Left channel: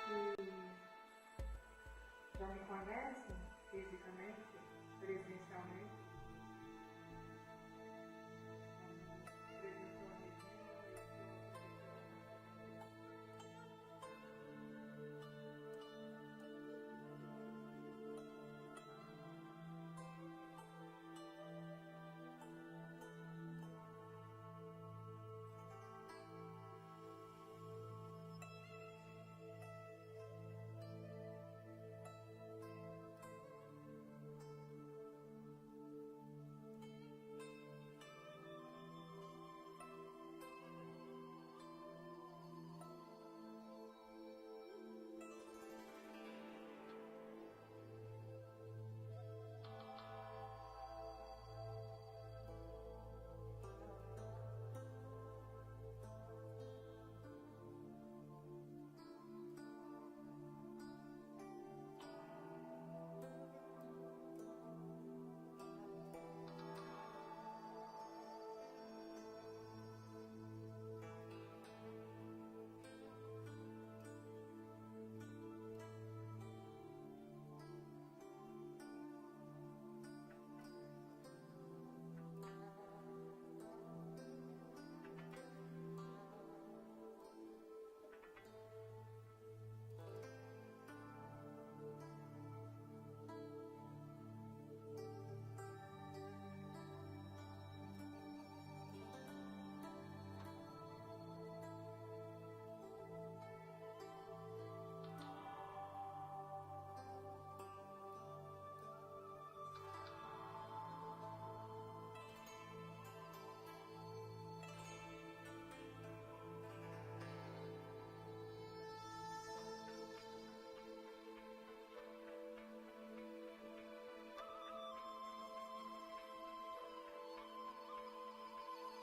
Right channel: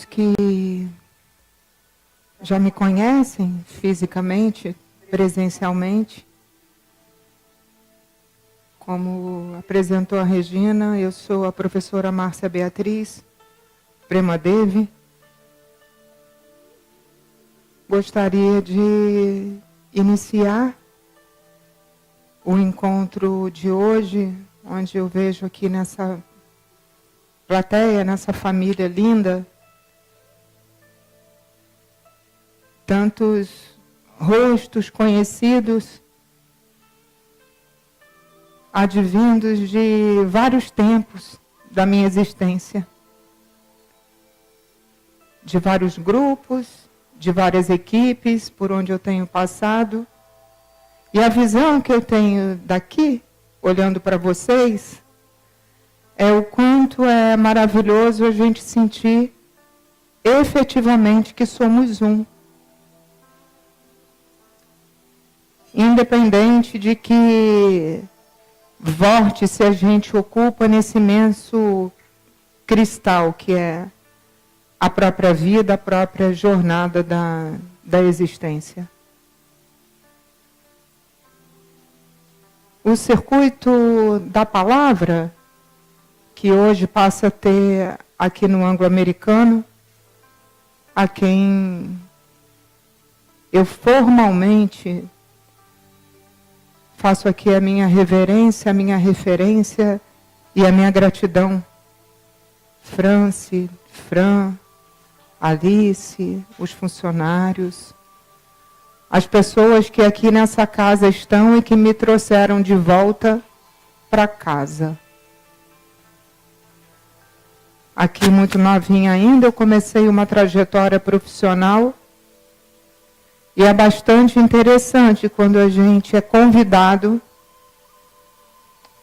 os que já me conhecem fisicamente, presencialmente, como apresentou a Regina, eu sou a professora Márcia Beatriz Premadevi. Gostaria de iniciar o encontro de hoje, onde eu vejo aqui nessa plateia, nessa família linda, tantos rostos conhecidos, advindos de vários tempos da minha existência, de vários grupos, de várias equipes por onde eu tenho passado. E a visão que eu tenho daqui, olhando para vocês, é o quanto é maravilhoso a gente sentir efetivamente que somos um. Independente de que vórtice a gente ocupa nesse imenso cristal que é a própria vida, a própria jornada da existência. O circuito da palavra, que hoje passa a ter aqui no anglo-americano, a quem eu formalmente faço aqui a minha reverência, a minha referência e a minha gratidão. France, Fran, Alice, os funcionários, as pessoas que aqui nessa casa estão e que me trouxeram de volta para casa. Aqui muito novinha ainda, eu comecei uma trajetória profissional e é bastante interessante quando a gente é convidado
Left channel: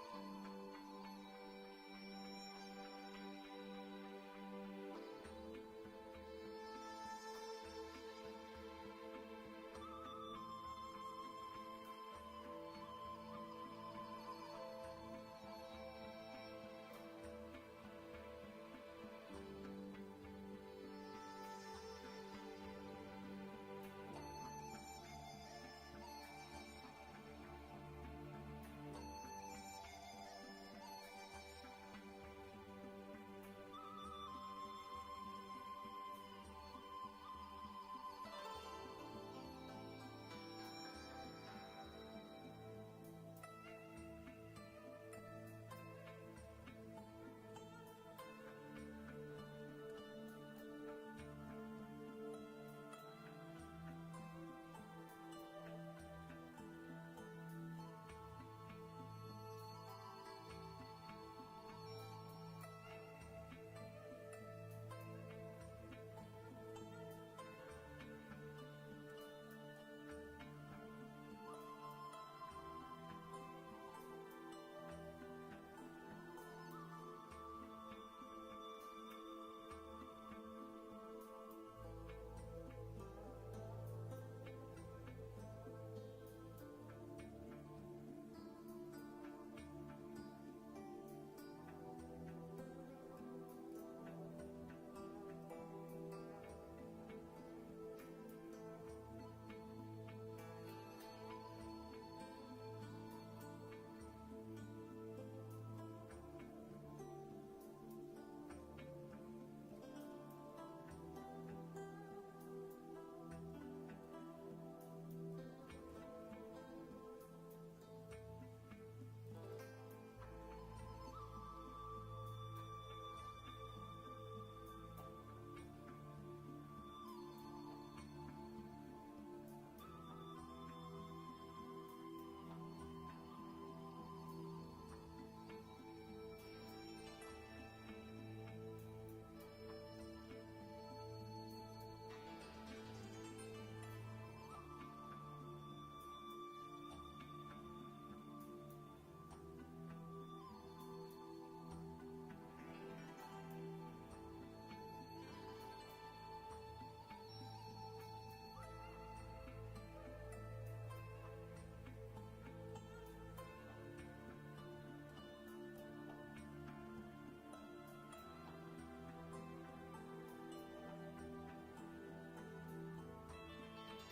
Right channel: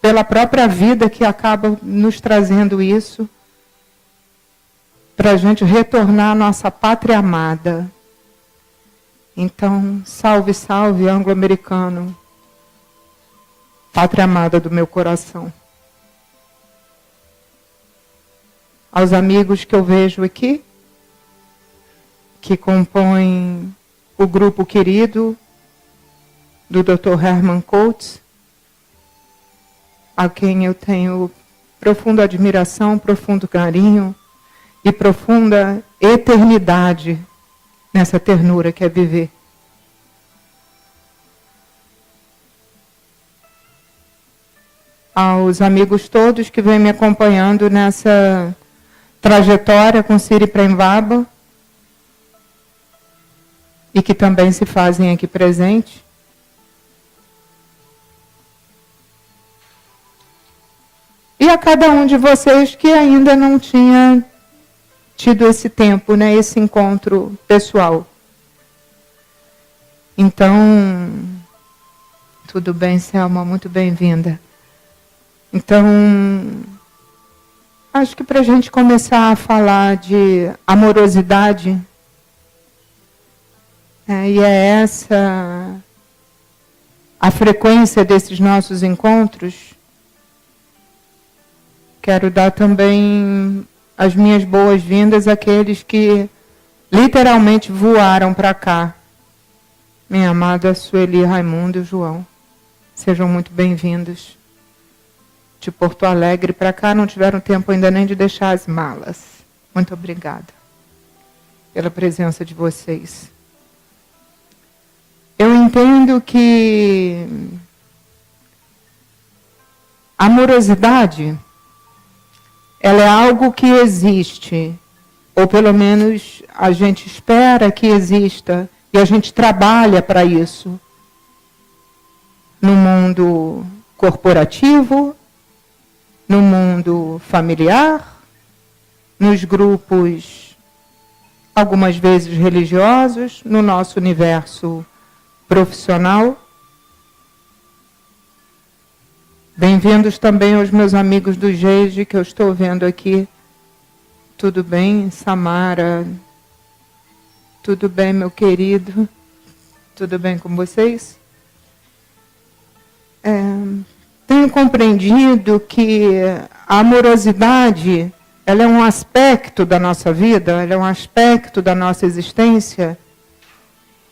pela própria vida que acaba nos trazendo isso, para a gente retornar à nossa pátria amada. Então, salve, salve, anglo-americano, pátria amada do meu coração. Aos amigos que eu vejo aqui, que compõem o grupo querido do Dr. Herman Coates, a quem eu tenho profunda admiração, profundo carinho e profunda eternidade nessa ternura que é viver. Aos amigos todos que vêm me acompanhando nessa trajetória com Siri Prembaba e que também se fazem aqui presente. E a cada um de vocês que ainda não tinha tido esse tempo, né, esse encontro pessoal. Então, tudo bem, Selma, muito bem-vinda. Então, acho que para a gente começar a falar de amorosidade, e é essa a frequência desses nossos encontros, quero dar também as minhas boas-vindas àqueles que literalmente voaram para cá. Minha amada Sueli, Raimundo e João, sejam muito bem-vindos. De Porto Alegre para cá, não tiveram tempo ainda nem de deixar as malas. Muito obrigada pela presença de vocês. Eu entendo que a amorosidade, ela é algo que existe, ou pelo menos a gente espera que exista, e a gente trabalha para isso. No mundo corporativo, no mundo familiar, nos grupos, algumas vezes religiosos, no nosso universo profissional. Bem-vindos também aos meus amigos do GEIGE, que eu estou vendo aqui. Tudo bem, Samara? Tudo bem, meu querido? Tudo bem com vocês? Tenho compreendido que a amorosidade ela é um aspecto da nossa vida, ela é um aspecto da nossa existência,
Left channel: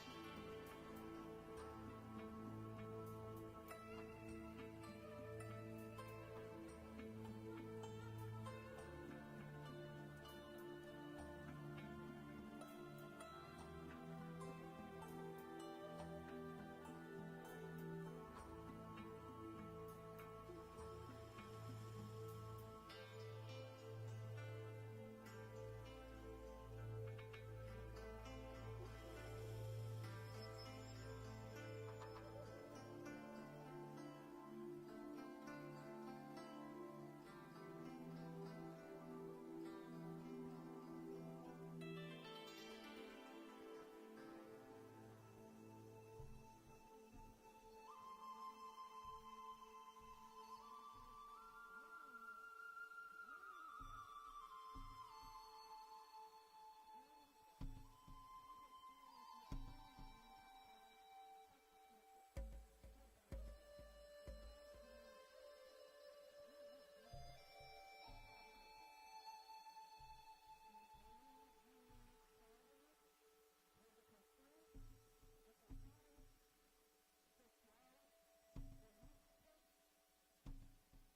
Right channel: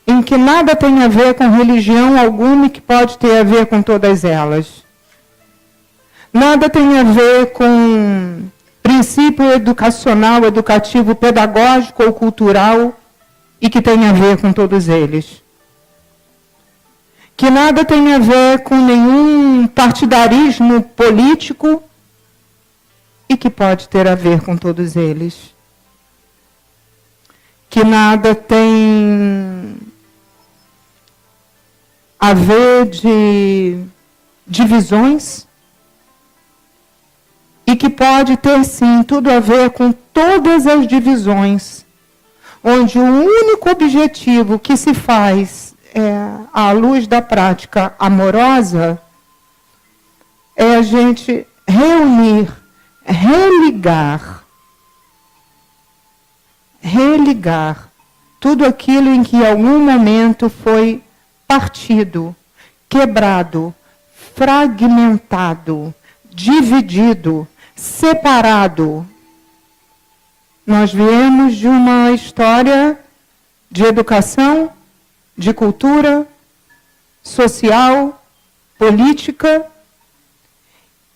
em que nada tem a ver com religião alguma e que pode ter a ver com todas elas. Nada tem a ver com princípio educacional, educativo, pedagógico ou cultural e que tem a ver com todos eles. Que nada tem a ver com nenhum partidarismo político e que pode ter a ver com todos eles. Que nada tem a ver de divisões e que pode ter, sim, tudo a ver com todas as divisões, onde o único objetivo que se faz à luz da prática amorosa é a gente reunir, religar tudo aquilo em que em algum momento foi partido, quebrado, fragmentado, dividido, separado. Nós viemos de uma história de educação, de cultura, social, política,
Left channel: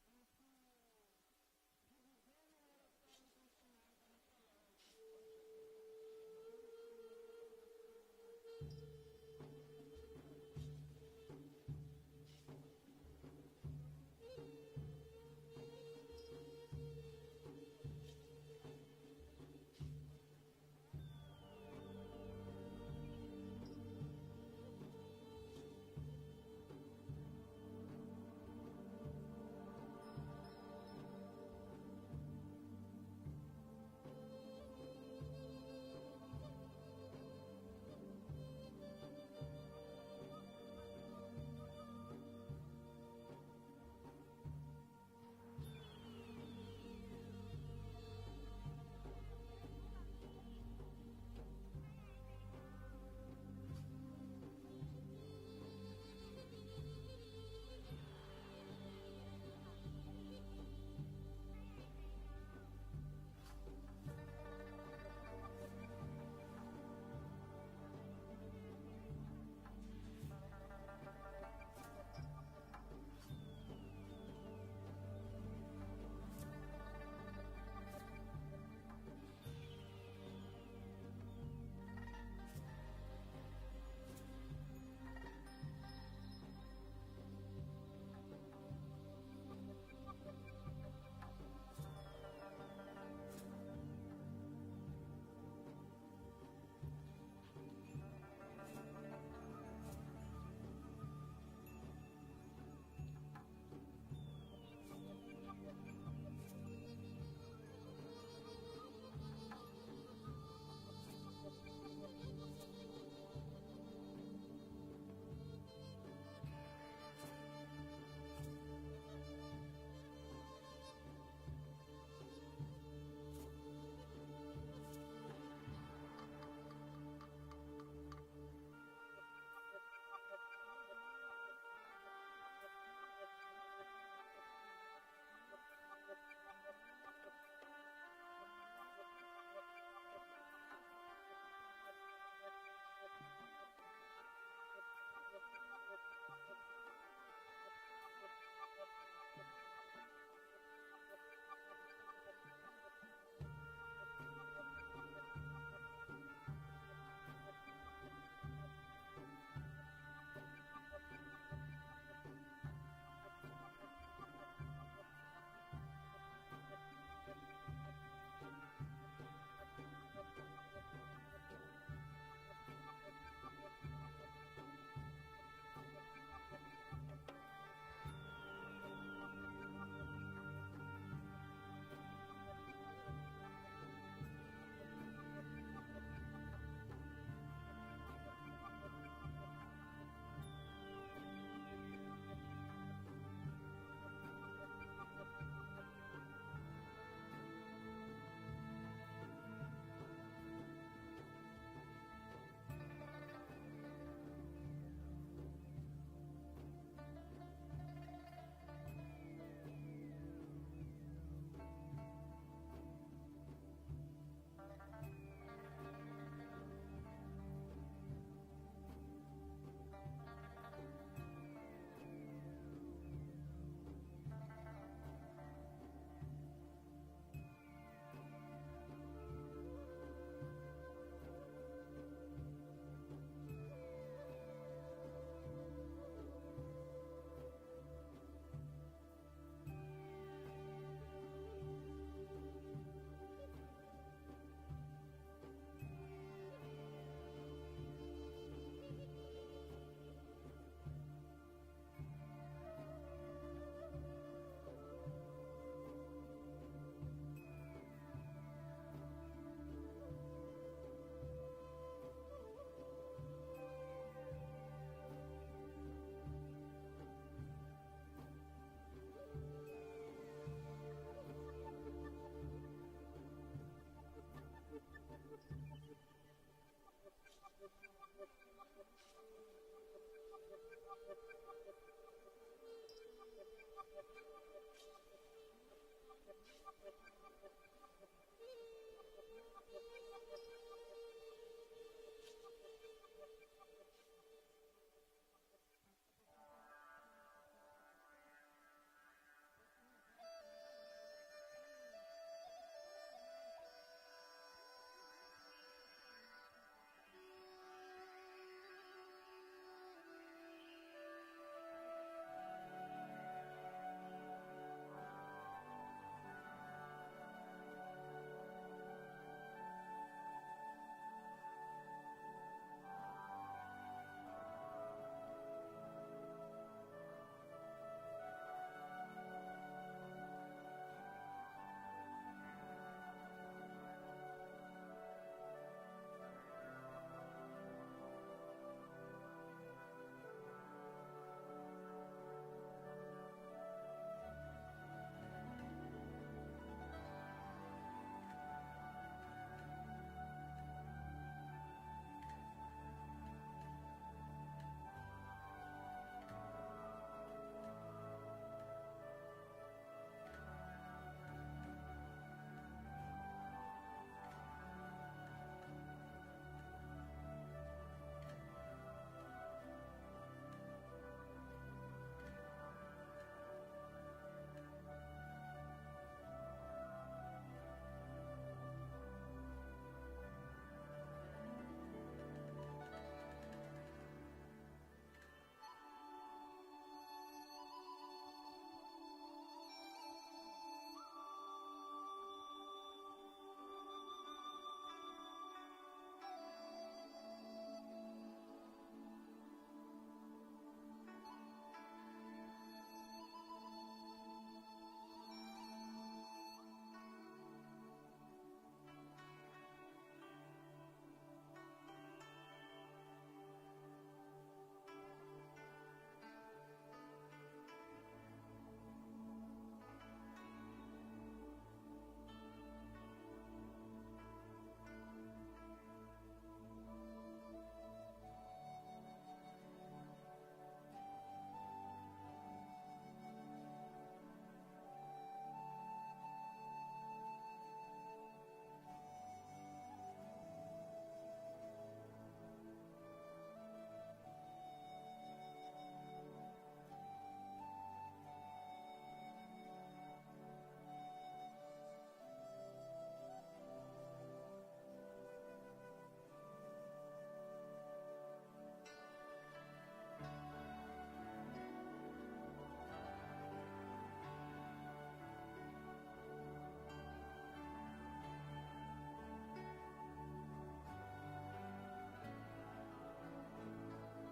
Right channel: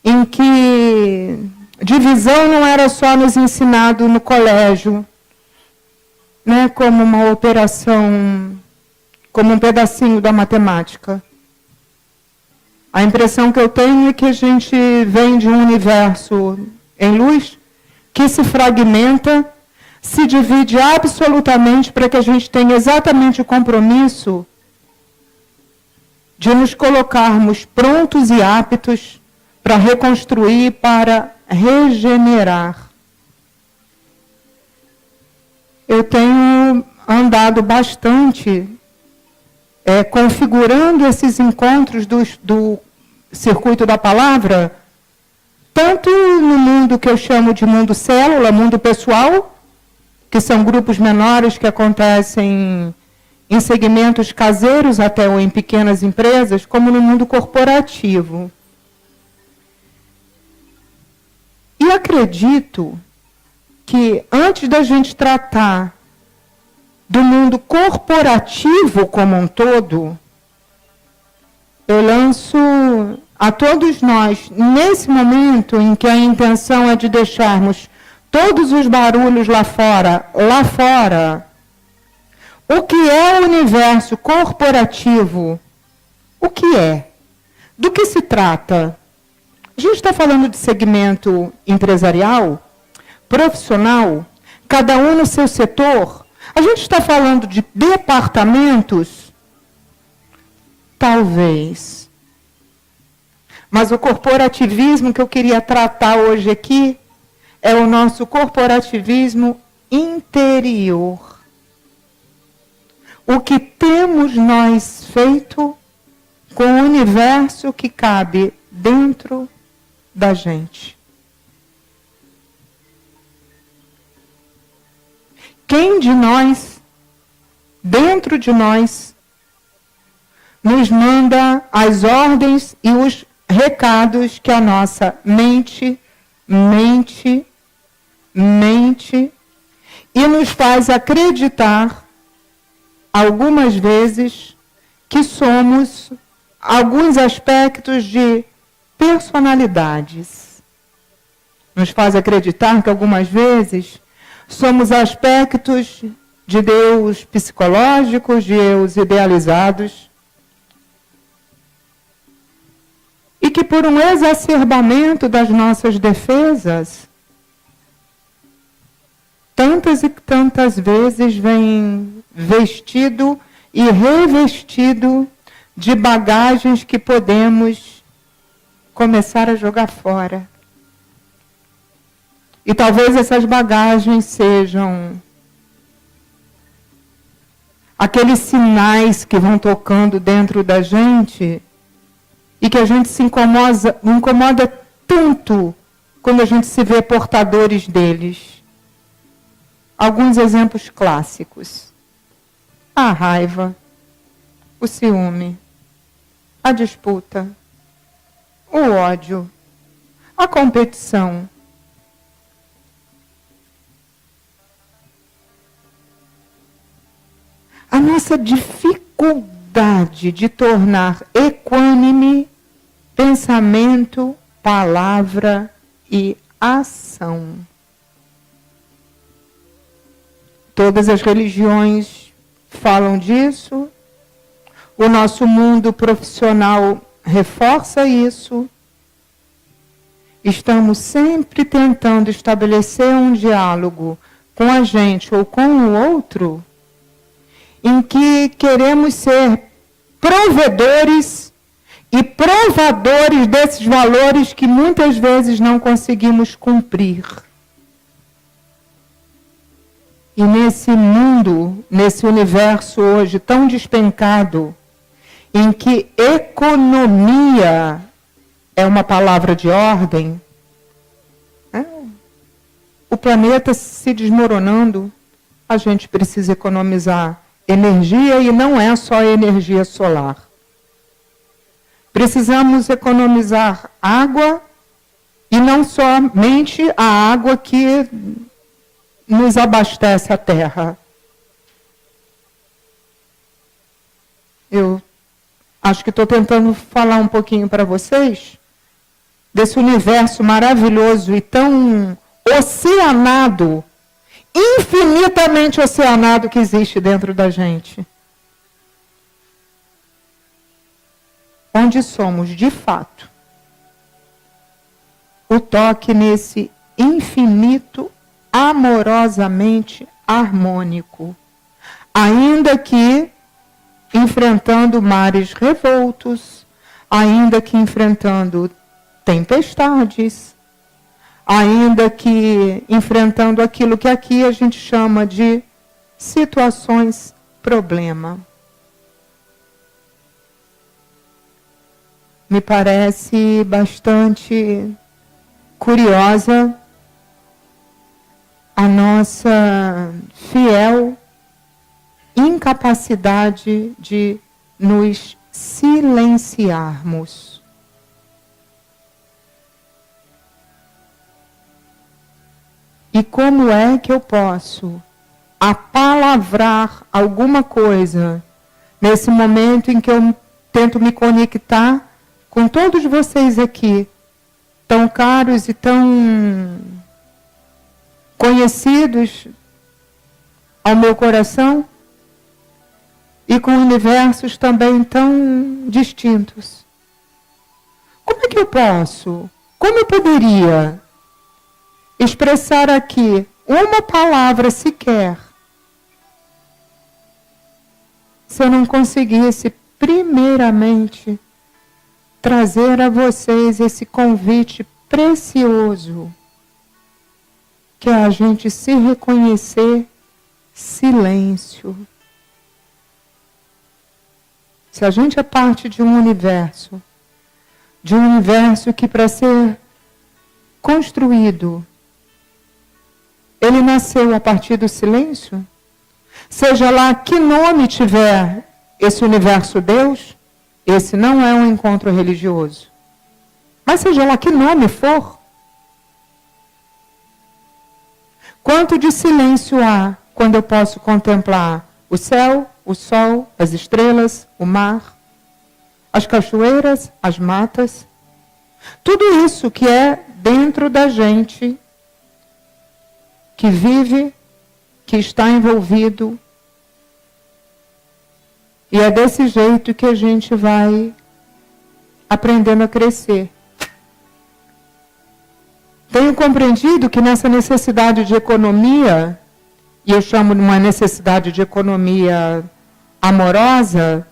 em que divisão não era só nos ensinado no colégio, né, como uma operação, como um pedacinho da matemática. A impressão que eu tenho é que a gente vem de um universo em luz que se fragmenta, se divide absolutamente para que a gente tenha exatamente o compromisso de nos colocarmos prontos e aptos para reconstruir, para regenerar. Eu tenho andado bastante configurando esses encontros do circuito da palavra, tanto no mundo que eu chamo de mundo célula, mundo pessoal, que são grupos menores que acontecem em segmentos caseiros até ou em pequenas empresas, como no mundo corporativo. E acredito que antes da gente tratar do mundo corporativo como um todo, eu lanço a todos nós, nesse momento em que a intenção é de deixarmos todos os barulhos lá fora, o que é o universo corporativo? O que é? Do que se trata? A gente está falando de segmento empresarial, profissional, cada um no seu setor. A gente está falando de departamentos? Talvez. Mas o corporativismo que eu queria tratar hoje aqui é o nosso corporativismo interior. O que temos nós feito com o universo que cabe dentro da gente. Quem de nós, dentro de nós, nos manda as ordens e os recados que a nossa mente e nos faz acreditar, algumas vezes, que somos alguns aspectos de personalidades. Nos faz acreditar que algumas vezes somos aspectos de Deus psicológicos, de Deus idealizados, e que por um exacerbamento das nossas defesas, tantas e tantas vezes vem vestido e revestido de bagagens que podemos começar a jogar fora. E talvez essas bagagens sejam aqueles sinais que vão tocando dentro da gente e que a gente se incomoda tanto quando a gente se vê portadores deles. Alguns exemplos clássicos. A raiva, o ciúme, a disputa, o ódio, a competição, A nossa dificuldade de tornar equânime pensamento, palavra e ação. Todas as religiões falam disso. O nosso mundo profissional reforça isso. Estamos sempre tentando estabelecer um diálogo com a gente ou com o outro, em que queremos ser provedores e provadores desses valores que muitas vezes não conseguimos cumprir. E nesse mundo, nesse universo hoje tão despencado, em que economia é uma palavra de ordem, o planeta se desmoronando, a gente precisa economizar energia e não é só energia solar. Precisamos economizar água e não somente a água que nos abastece a terra. Eu acho que estou tentando falar um pouquinho para vocês desse universo maravilhoso e tão oceanado, infinitamente oceanado que existe dentro da gente. Onde somos, de fato, o toque nesse infinito amorosamente harmônico, ainda que enfrentando mares revoltos, ainda que enfrentando tempestades, ainda que enfrentando aquilo que aqui a gente chama de situações problema. Me parece bastante curiosa a nossa fiel incapacidade de nos silenciarmos. E como é que eu posso apalavrar alguma coisa nesse momento em que eu tento me conectar com todos vocês aqui, tão caros e tão conhecidos ao meu coração, e com universos também tão distintos? Como é que eu posso, como eu poderia expressar aqui uma palavra sequer se eu não conseguisse primeiramente trazer a vocês esse convite precioso, que é a gente se reconhecer silêncio. Se a gente é parte de um universo que para ser construído, ele nasceu a partir do silêncio, seja lá que nome tiver esse universo Deus, esse não é um encontro religioso, mas seja lá que nome for, quanto de silêncio há quando eu posso contemplar o céu, o sol, as estrelas, o mar, as cachoeiras, as matas, tudo isso que é dentro da gente, que vive, que está envolvido. E é desse jeito que a gente vai aprendendo a crescer. Tenho compreendido que nessa necessidade de economia, e eu chamo de uma necessidade de economia amorosa,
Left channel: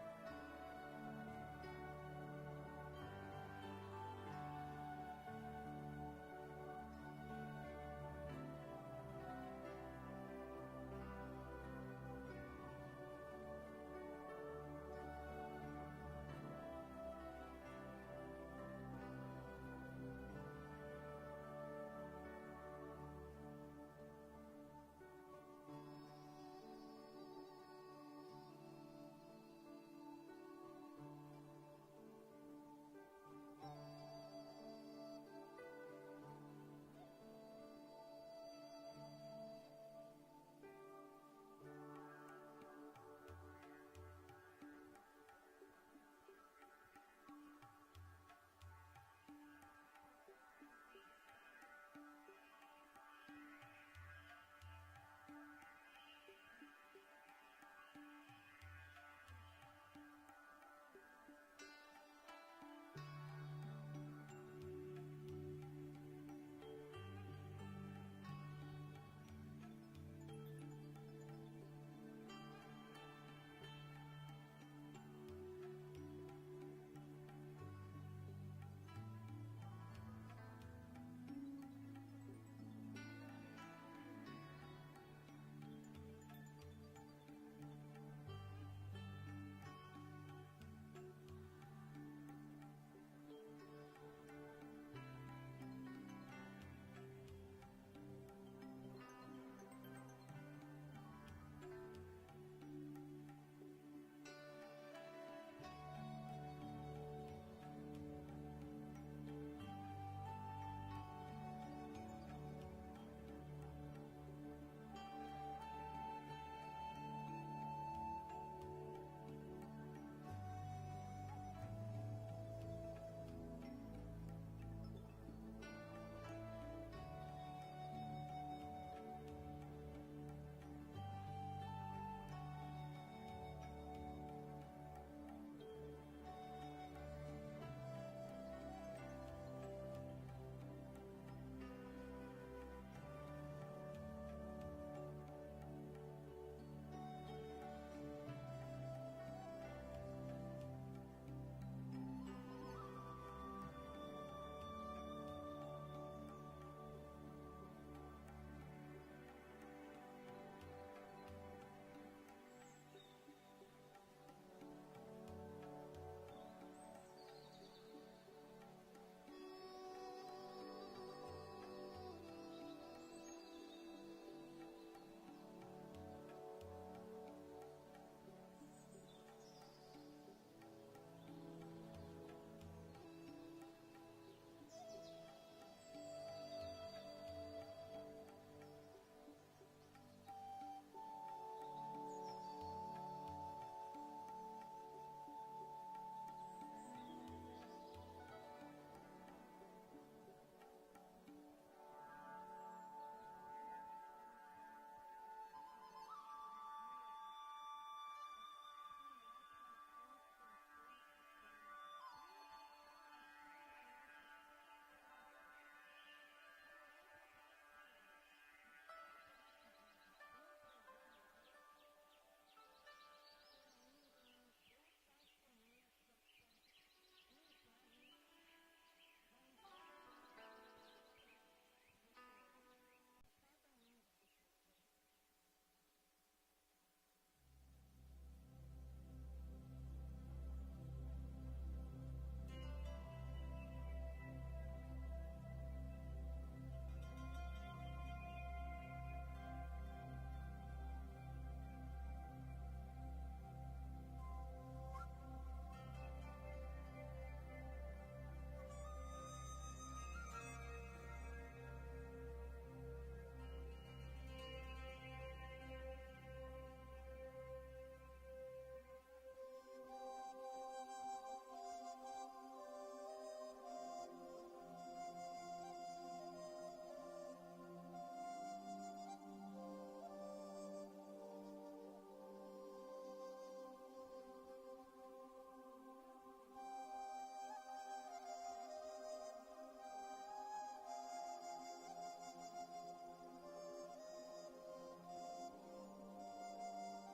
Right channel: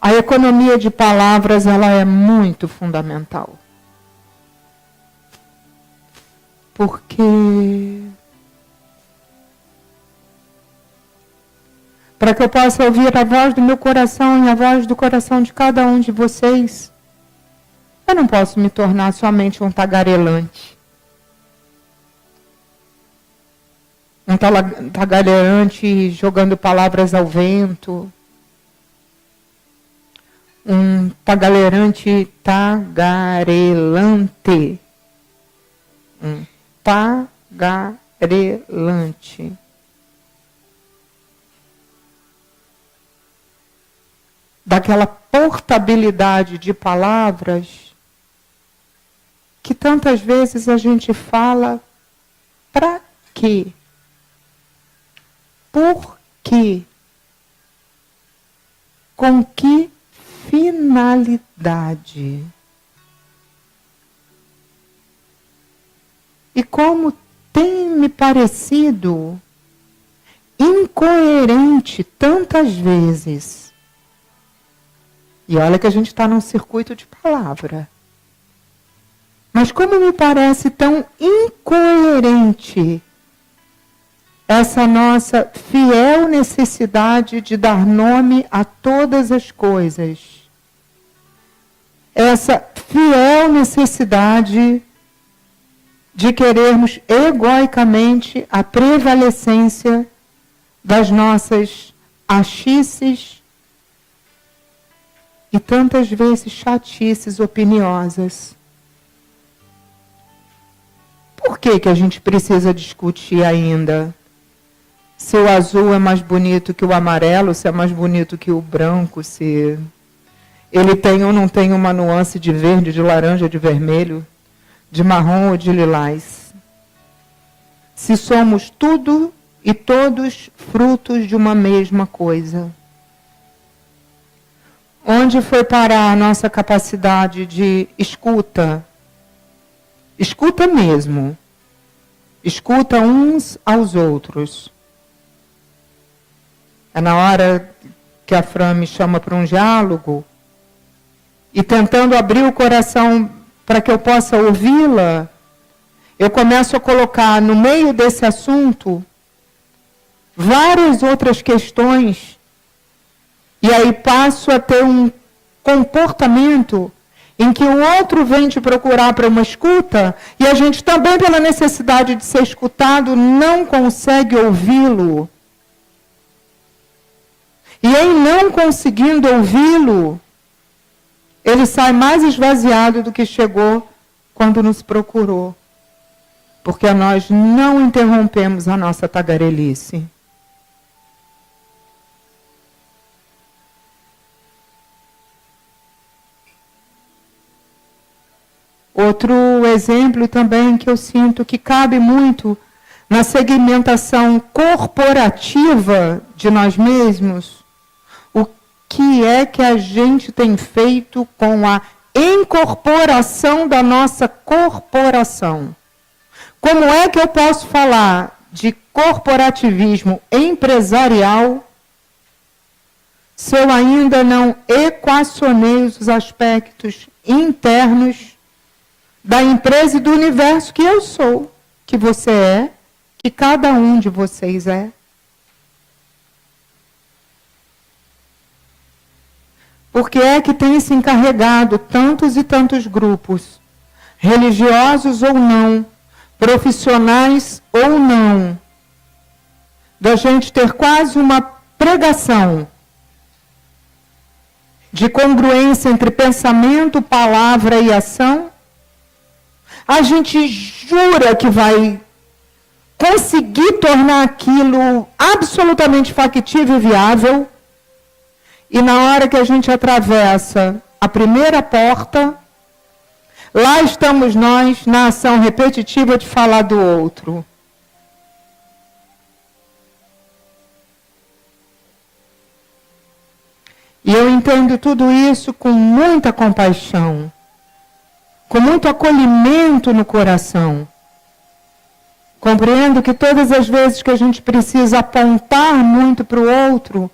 a economia de palavras ela é muito fundamental. Porque para que eu possa ouvir a voz do meu coração e a voz do coração de cada um de vocês, eu não posso me tornar somente um tagarelante. Um tagarelante jogando palavras ao vento. Um tagarelante. Um tagarelante. daquela portabilidade de palavras que tantas vezes a gente fala para quê? Por quê? Com que finalidade? E como tem me parecido incoerente tantas vezes. E olha que a gente está num circuito de palavra. Mas como me parece tão incoerente essa nossa fiel necessidade de dar nome a todas as coisas. Essa fiel necessidade de querermos egoicamente a prevalecência das nossas achices e tantas vezes chatices opiniosas. Por que a gente precisa discutir ainda se o azul é mais bonito que o amarelo, se é mais bonito que o branco, se ele tem ou não tem uma nuance de verde, de laranja, de vermelho, de marrom ou de lilás? Se somos tudo e todos frutos de uma mesma coisa. Onde foi parar a nossa capacidade de escuta? Escuta mesmo. Escuta uns aos outros. É na hora que a Fran me chama para um diálogo e tentando abrir o coração para que eu possa ouvi-la, eu começo a colocar no meio desse assunto várias outras questões e aí passo a ter um comportamento em que o outro vem te procurar para uma escuta e a gente também, pela necessidade de ser escutado, não consegue ouvi-lo. E em não conseguindo ouvi-lo, ele sai mais esvaziado do que chegou quando nos procurou. Porque nós não interrompemos a nossa tagarelice. Outro exemplo também que eu sinto que cabe muito na segmentação corporativa de nós mesmos, o que é que a gente tem feito com a incorporação da nossa corporação? Como é que eu posso falar de corporativismo empresarial se eu ainda não equacionei os aspectos internos da empresa e do universo que eu sou, que você é, que cada um de vocês é? Porque é que tem se encarregado tantos e tantos grupos, religiosos ou não, profissionais ou não, da gente ter quase uma pregação de congruência entre pensamento, palavra e ação? A gente jura que vai conseguir tornar aquilo absolutamente factível e viável, e na hora que a gente atravessa a primeira porta, lá estamos nós na ação repetitiva de falar do outro. E eu entendo tudo isso com muita compaixão, com muito acolhimento no coração. Compreendo que todas as vezes que a gente precisa apontar muito para o outro,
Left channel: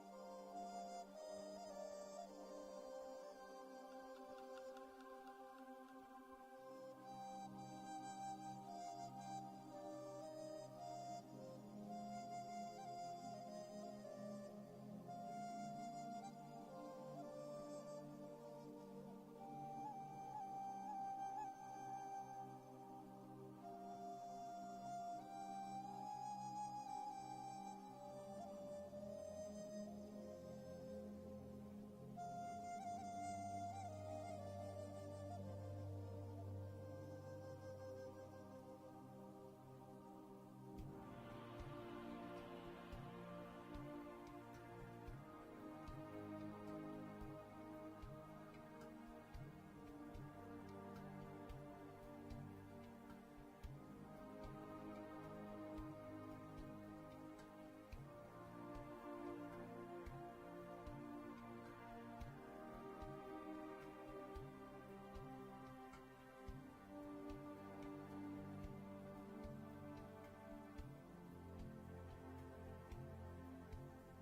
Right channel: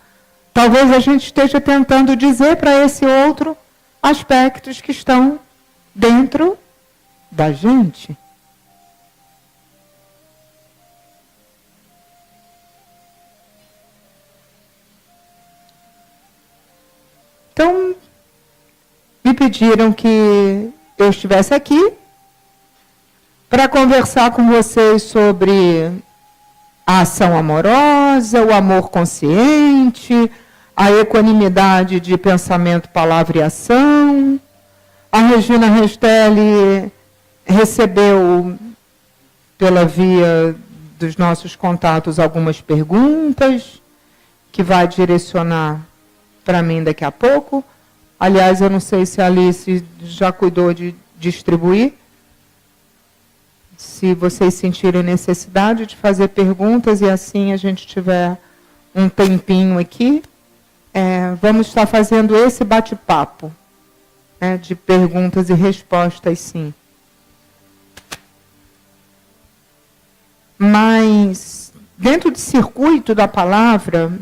talvez a gente esteja tentando dizer para esse outro aspectos que estão dentro da gente. Então, me pediram que eu estivesse aqui para conversar com vocês sobre a ação amorosa, o amor consciente, a equanimidade de pensamento, palavra e ação. A Regina Restelli recebeu, pela via dos nossos contatos, algumas perguntas que vai direcionar para mim daqui a pouco. Aliás, eu não sei se a Alice já cuidou de distribuir. Se vocês sentirem necessidade de fazer perguntas e assim a gente tiver um tempinho aqui, vamos estar fazendo esse bate-papo, né, de perguntas e respostas, sim. Mas, dentro do circuito da palavra,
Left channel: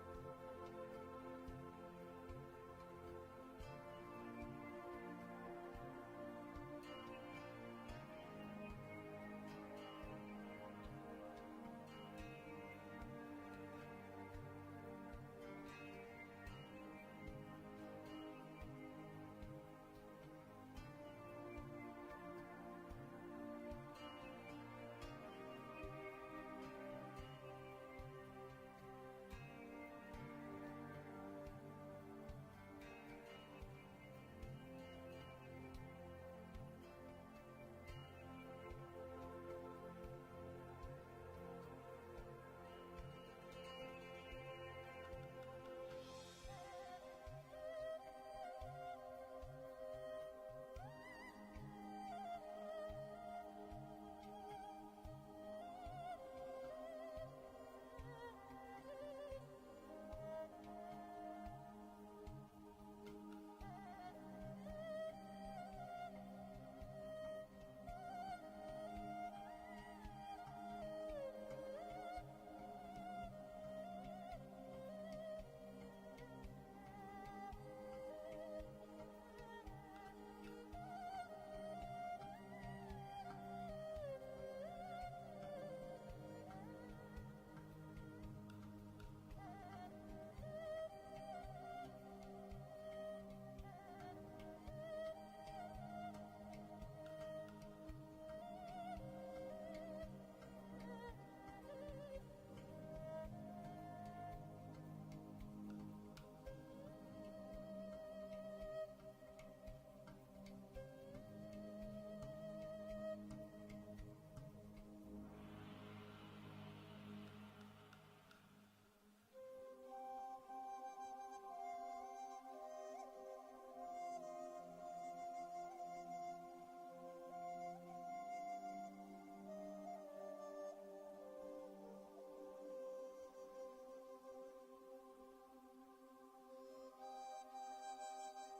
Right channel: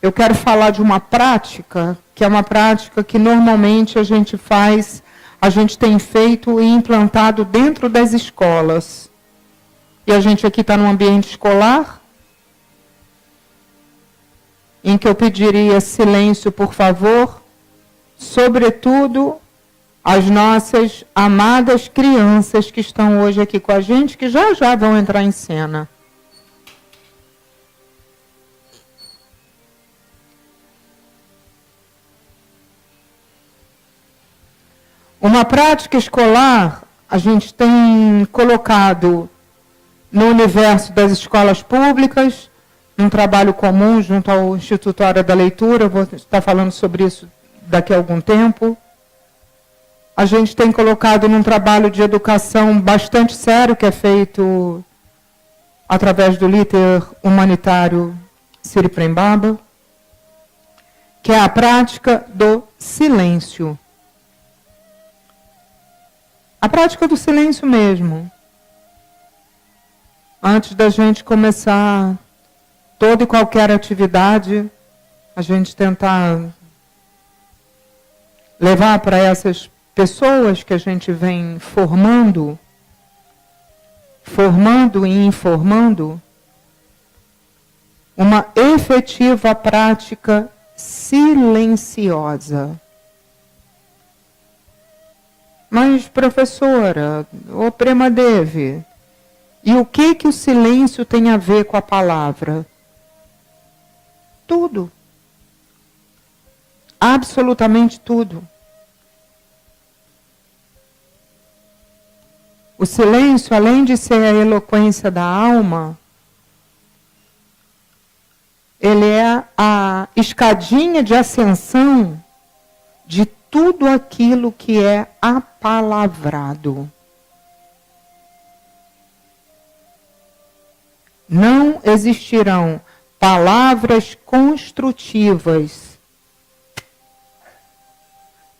eu quero falar de uma prática, que é uma prática que normalmente a gente tem feito e implantado dentro das escolas. E a gente aqui está num ambiente escolar, em que eu pediria silêncio, por favor, sobretudo as nossas amadas crianças que estão hoje aqui com a gente, que já já vão entrar em cena. Uma prática escolar, a gente tem colocado no universo das escolas públicas, num trabalho comum junto ao Instituto Hora da Leitura, eu vou estar falando sobre isso daqui a algum tempo. A gente tem colocado num trabalho de educação bastante sério, que é feito através do líder humanitário Siri Prembaba, que é a prática do silêncio. A prática do silêncio mesmo. Antes da gente começar toda e qualquer atividade, a gente tentar levar para essas pessoas que a gente vem formando e informando, uma efetiva prática silenciosa. Mas, professora, ô Prema Devi, e o que o silêncio tem a ver com a palavra? Tudo. Absolutamente tudo. O silêncio, além de ser a eloquência da alma, ele é a escadinha de ascensão de tudo aquilo que é apalavrado. Não existirão palavras construtivas.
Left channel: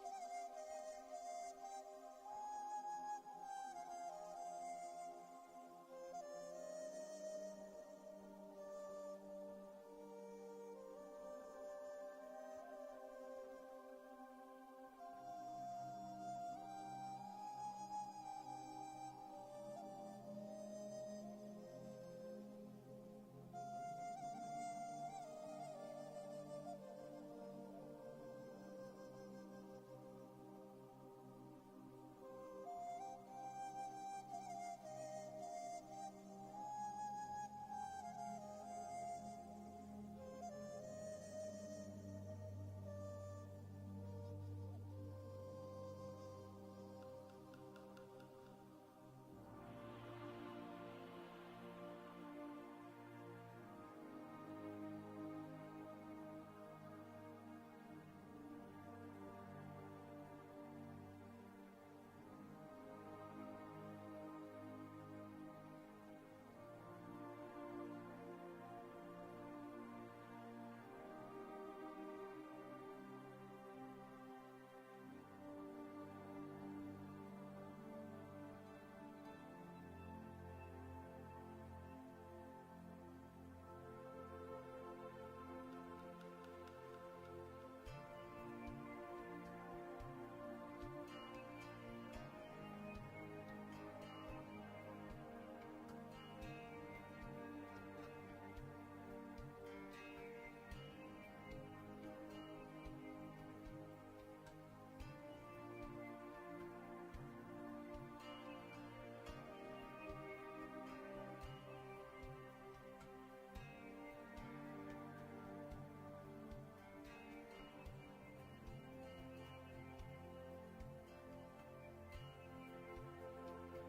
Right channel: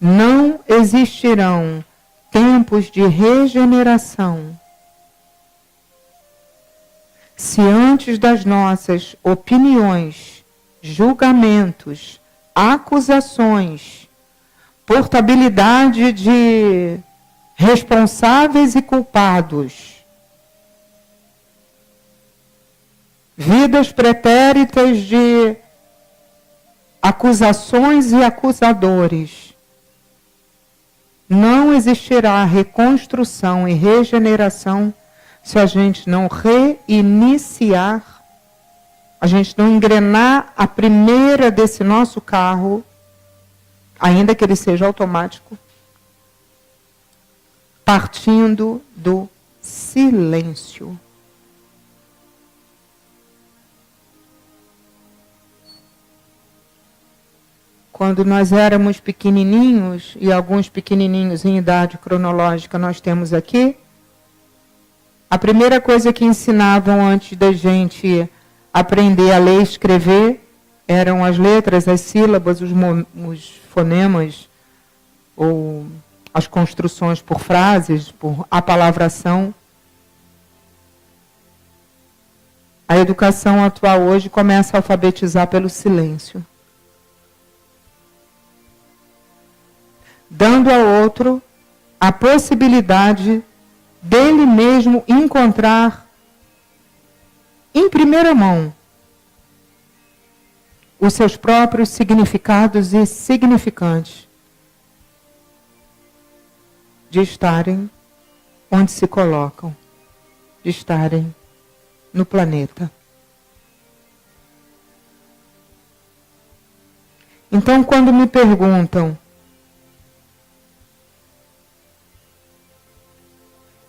Não existirão tempos de regeneração se antes das nossas opiniões, julgamentos, acusações, portabilidade de responsáveis e culpados, vidas pretéritas de acusações e acusadores, não existirá reconstrução e regeneração se a gente não reiniciar, a gente não engrenar a primeira desse nosso carro, ainda que ele seja automático, partindo do silêncio. Quando nós éramos pequenininhos, e alguns pequenininhos em idade cronológica nós temos aqui, a primeira coisa que ensinavam antes da gente aprender a ler e escrever eram as letras, as sílabas, os fonemas, ou as construções por frases, por apalavração. A educação atual hoje começa a alfabetizar pelo silêncio, dando ao outro a possibilidade dele mesmo encontrar em primeira mão os seus próprios significados e significantes de estarem onde se colocam, de estarem no planeta. Então, quando me perguntam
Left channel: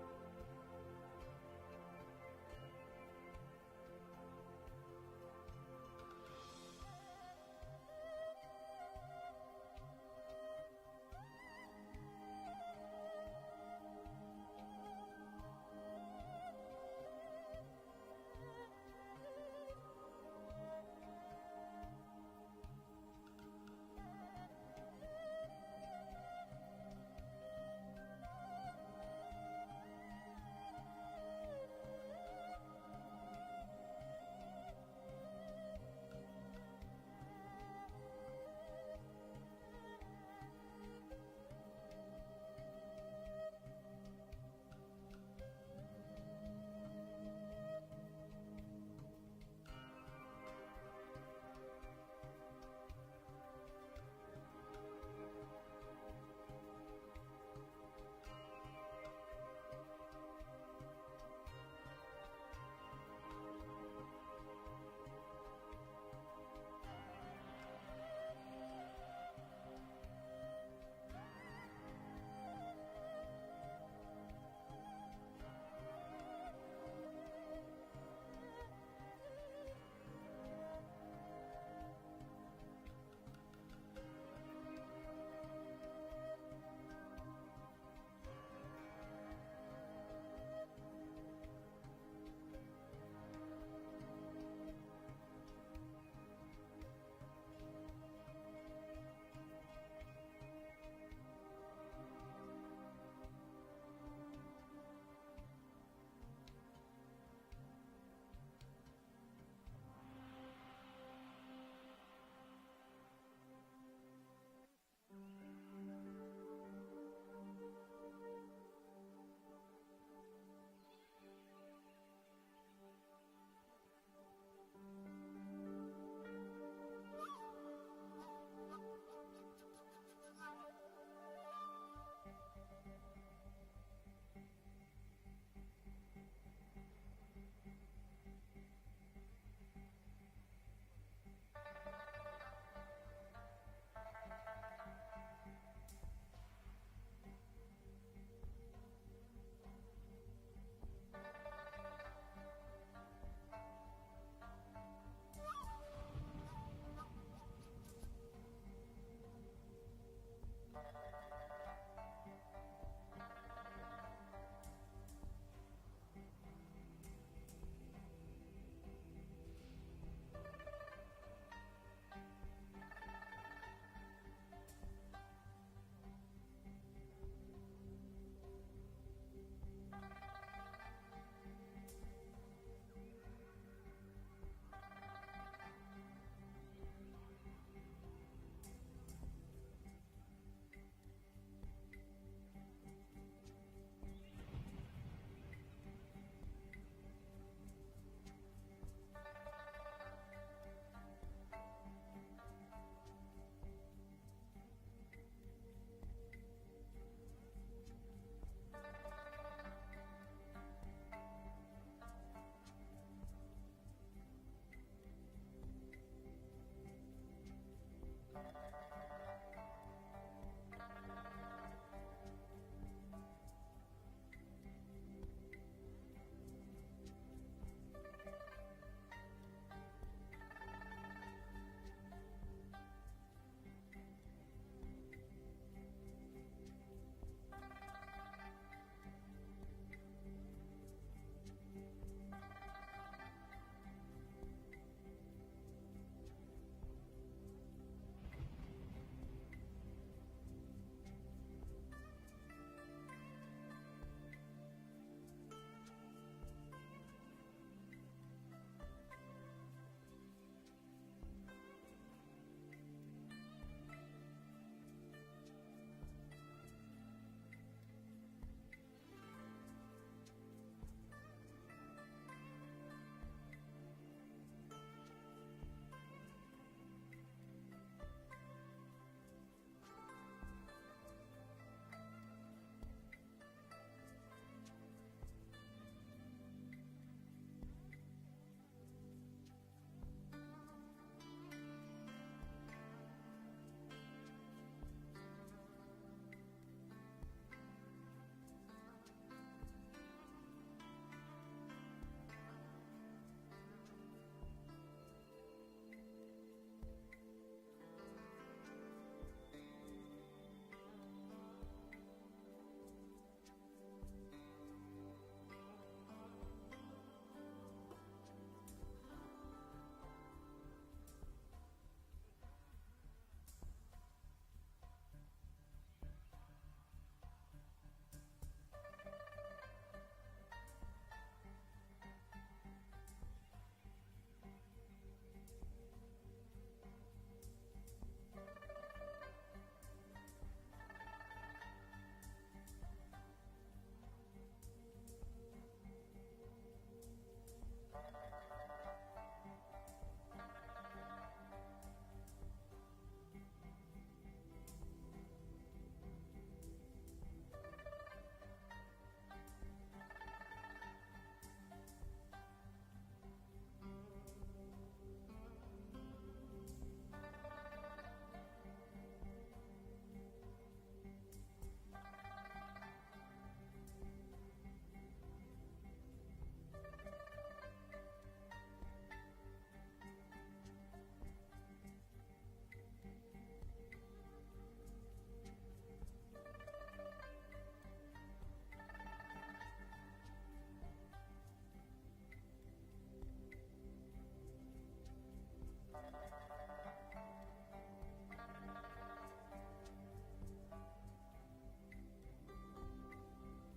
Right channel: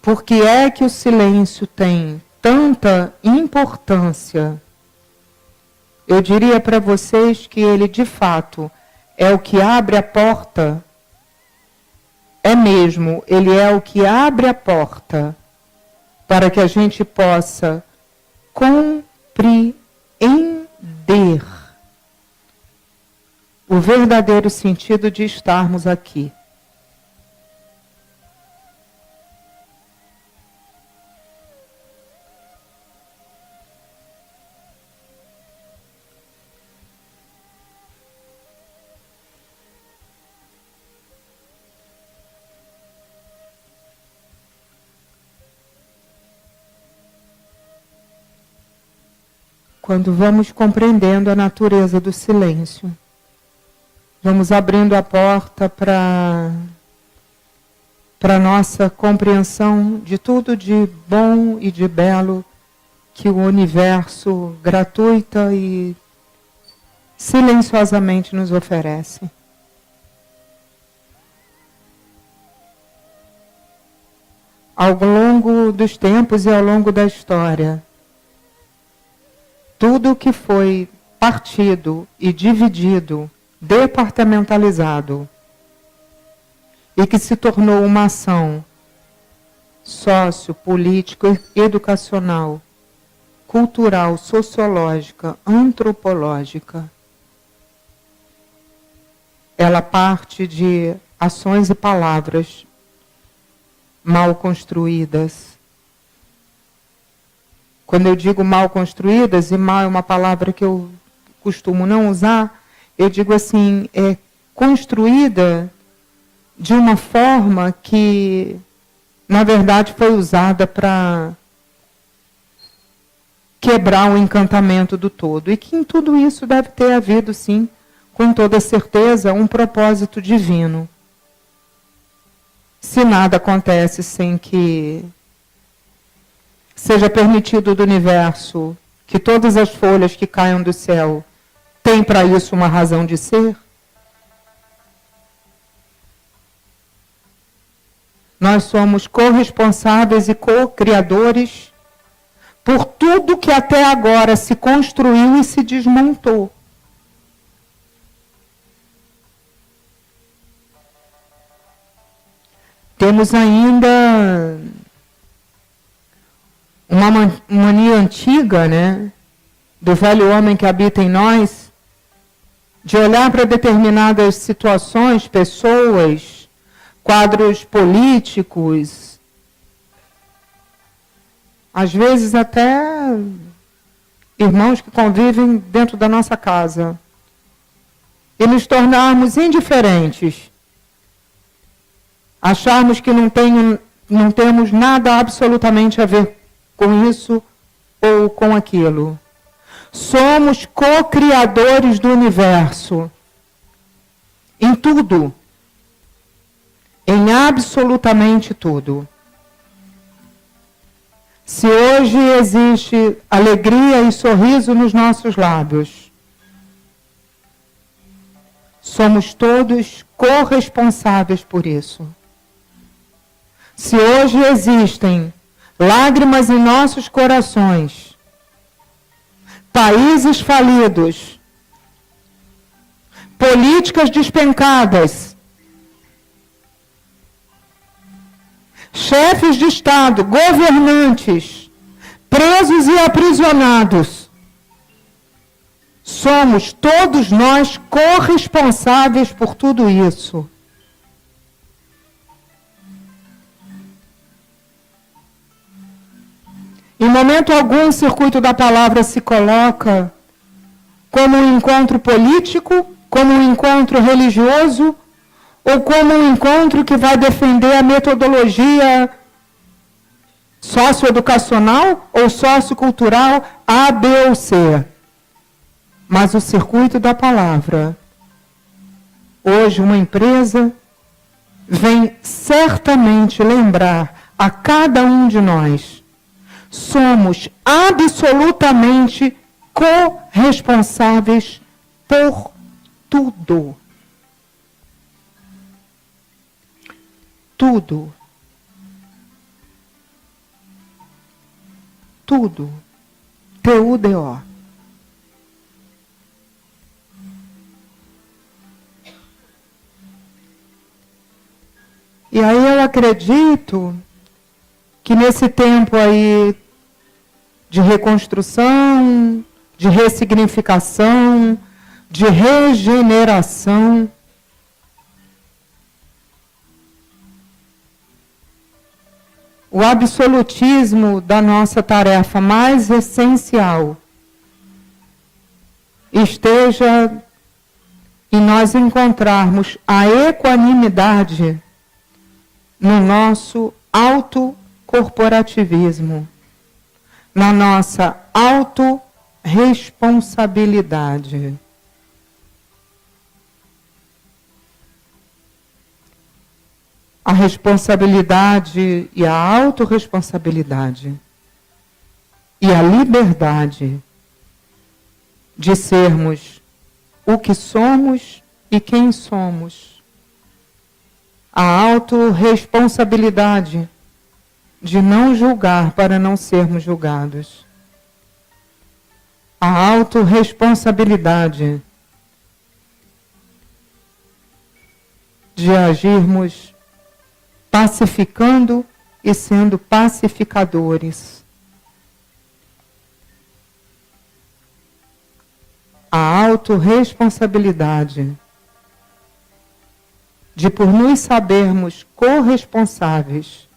por que é que o silêncio tem tanta importância, eu diria para vocês que ele, de fato, é o que abre a porta. É mesmo, ele é o que abre a porta para que a gente possa compreender o verdadeiro sentido de estarmos aqui. Quando vamos compreendendo a natureza do silêncio, vamos abrindo a porta para a nossa compreensão de tudo de bom e de belo que o universo gratuita e silenciosamente nos oferece. Ao longo dos tempos e ao longo da história, tudo que foi partido e dividido, departamentalizado, e que se tornou uma ação sociopolítica, educacional, cultural, sociológica, antropológica, ela parte de ações e palavras mal construídas. Quando eu digo mal construídas, e mal é uma palavra que eu costumo não usar, eu digo assim, é construída de uma forma que, na verdade, foi usada para quebrar o encantamento do todo. E que em tudo isso deve ter havido, sim, com toda certeza, um propósito divino. Se nada acontece sem que seja permitido do universo que todas as folhas que caiam do céu têm para isso uma razão de ser, nós somos corresponsáveis e co-criadores por tudo que até agora se construiu e se desmontou. Temos ainda uma mania antiga, né, do velho homem que habita em nós, de olhar para determinadas situações, pessoas, quadros políticos, às vezes até irmãos que convivem dentro da nossa casa, e nos tornarmos indiferentes, acharmos que não temos nada absolutamente a ver com isso ou com aquilo. Somos co-criadores do universo. Em tudo. Em absolutamente tudo. Se hoje existe alegria e sorriso nos nossos lábios, somos todos corresponsáveis por isso. Se hoje existem lágrimas em nossos corações, países falidos, políticas despencadas, chefes de Estado, governantes, presos e aprisionados, somos todos nós corresponsáveis por tudo isso. Em momento algum, o circuito da palavra se coloca como um encontro político, como um encontro religioso, ou como um encontro que vai defender a metodologia socioeducacional ou sociocultural A, B ou C. Mas o circuito da palavra, hoje uma empresa vem certamente lembrar a cada um de nós: somos absolutamente corresponsáveis por tudo. Tudo. Tudo. T-U-D-O. E aí eu acredito que nesse tempo aí de reconstrução, de ressignificação, de regeneração, o absolutismo da nossa tarefa mais essencial esteja em nós encontrarmos a equanimidade no nosso autocorporativismo, na nossa autorresponsabilidade. A responsabilidade e a autorresponsabilidade e a liberdade de sermos o que somos e quem somos. A autorresponsabilidade de não julgar para não sermos julgados. A autorresponsabilidade de agirmos pacificando e sendo pacificadores. A autorresponsabilidade de, por nos sabermos corresponsáveis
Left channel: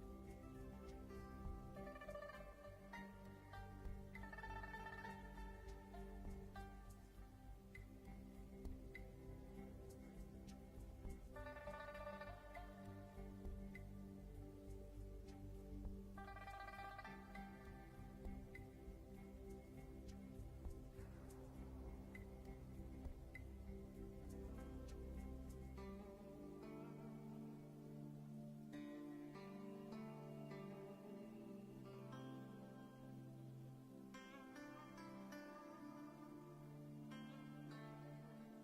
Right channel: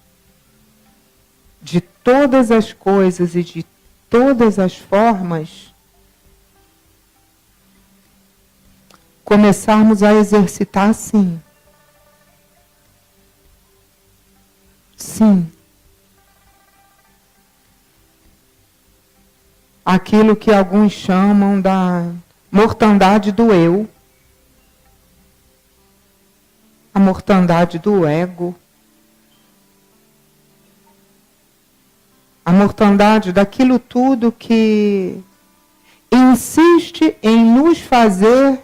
de todas as coisas e de todas as formas, começarmos a exercitar sim. Sim. Aquilo que alguns chamam da mortandade do eu, a mortandade do ego, a mortandade daquilo tudo que insiste em nos fazer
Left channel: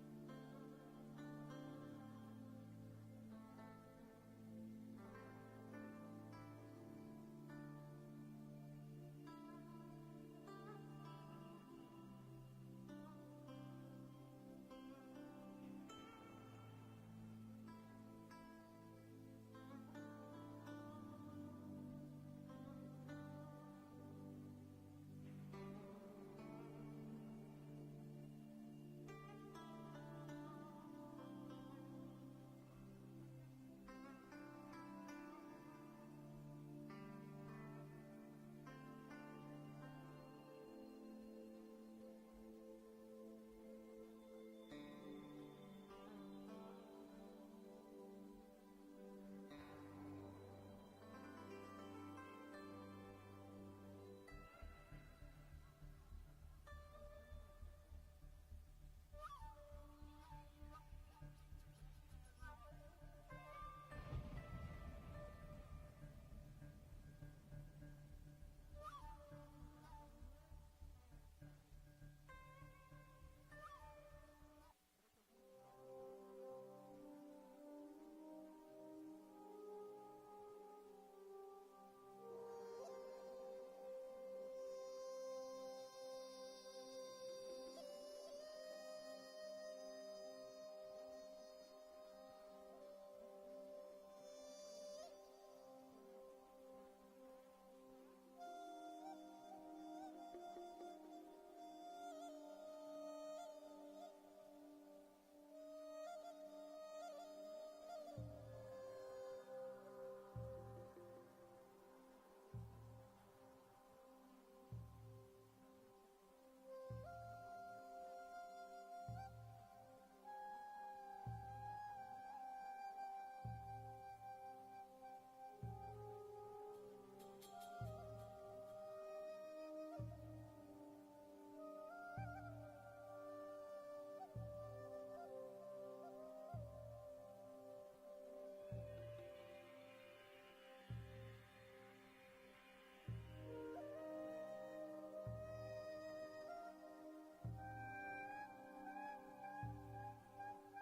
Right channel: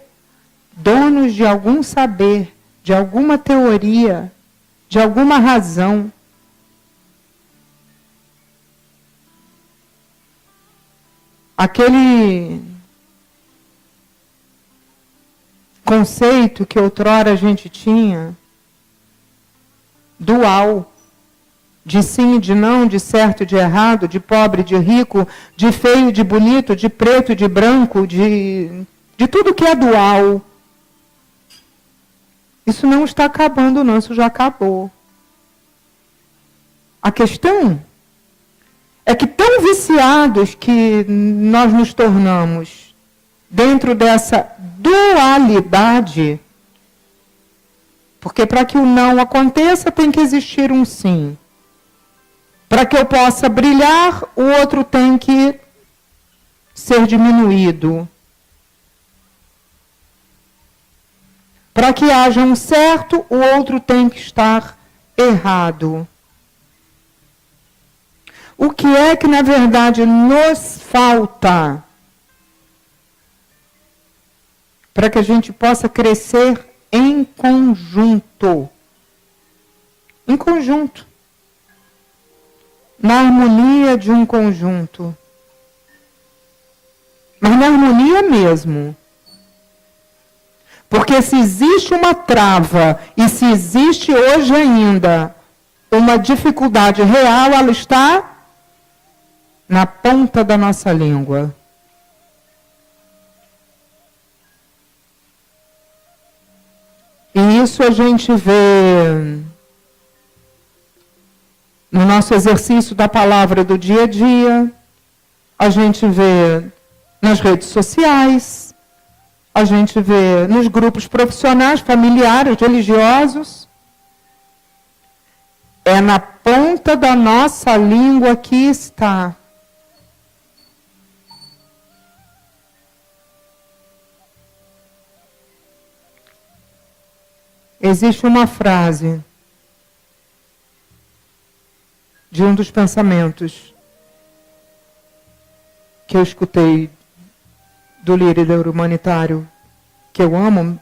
donos de algum saber, de alguma teoria, de alguma razão. Aquele conceito que outrora a gente tinha, dual, de sim e de não, de certo e de errado, de pobre e de rico, de feio e de bonito, de preto e de branco, de tudo que é dual. Isso não está acabando não, isso já acabou. A questão é que tão viciados que nós nos tornamos dentro dessa dualidade, porque para que o não aconteça tem que existir um sim. Para que eu possa brilhar, o outro tem que ser diminuído. Para que haja um certo, o outro tem que estar errado. O que é que, na verdade, nos falta para que a gente possa crescer em conjunto? Em conjunto. Na harmonia de um conjunto. Mas na harmonia mesmo. Porque se existe uma trava, e se existe hoje ainda uma dificuldade real, ela está na ponta da nossa língua. E isso a gente vê no nosso exercício da palavra do dia a dia, a gente vê nas redes sociais, a gente vê nos grupos profissionais, familiares, religiosos. É na ponta da nossa língua que está. Existe uma frase de um dos pensamentos que eu escutei do líder humanitário que eu amo,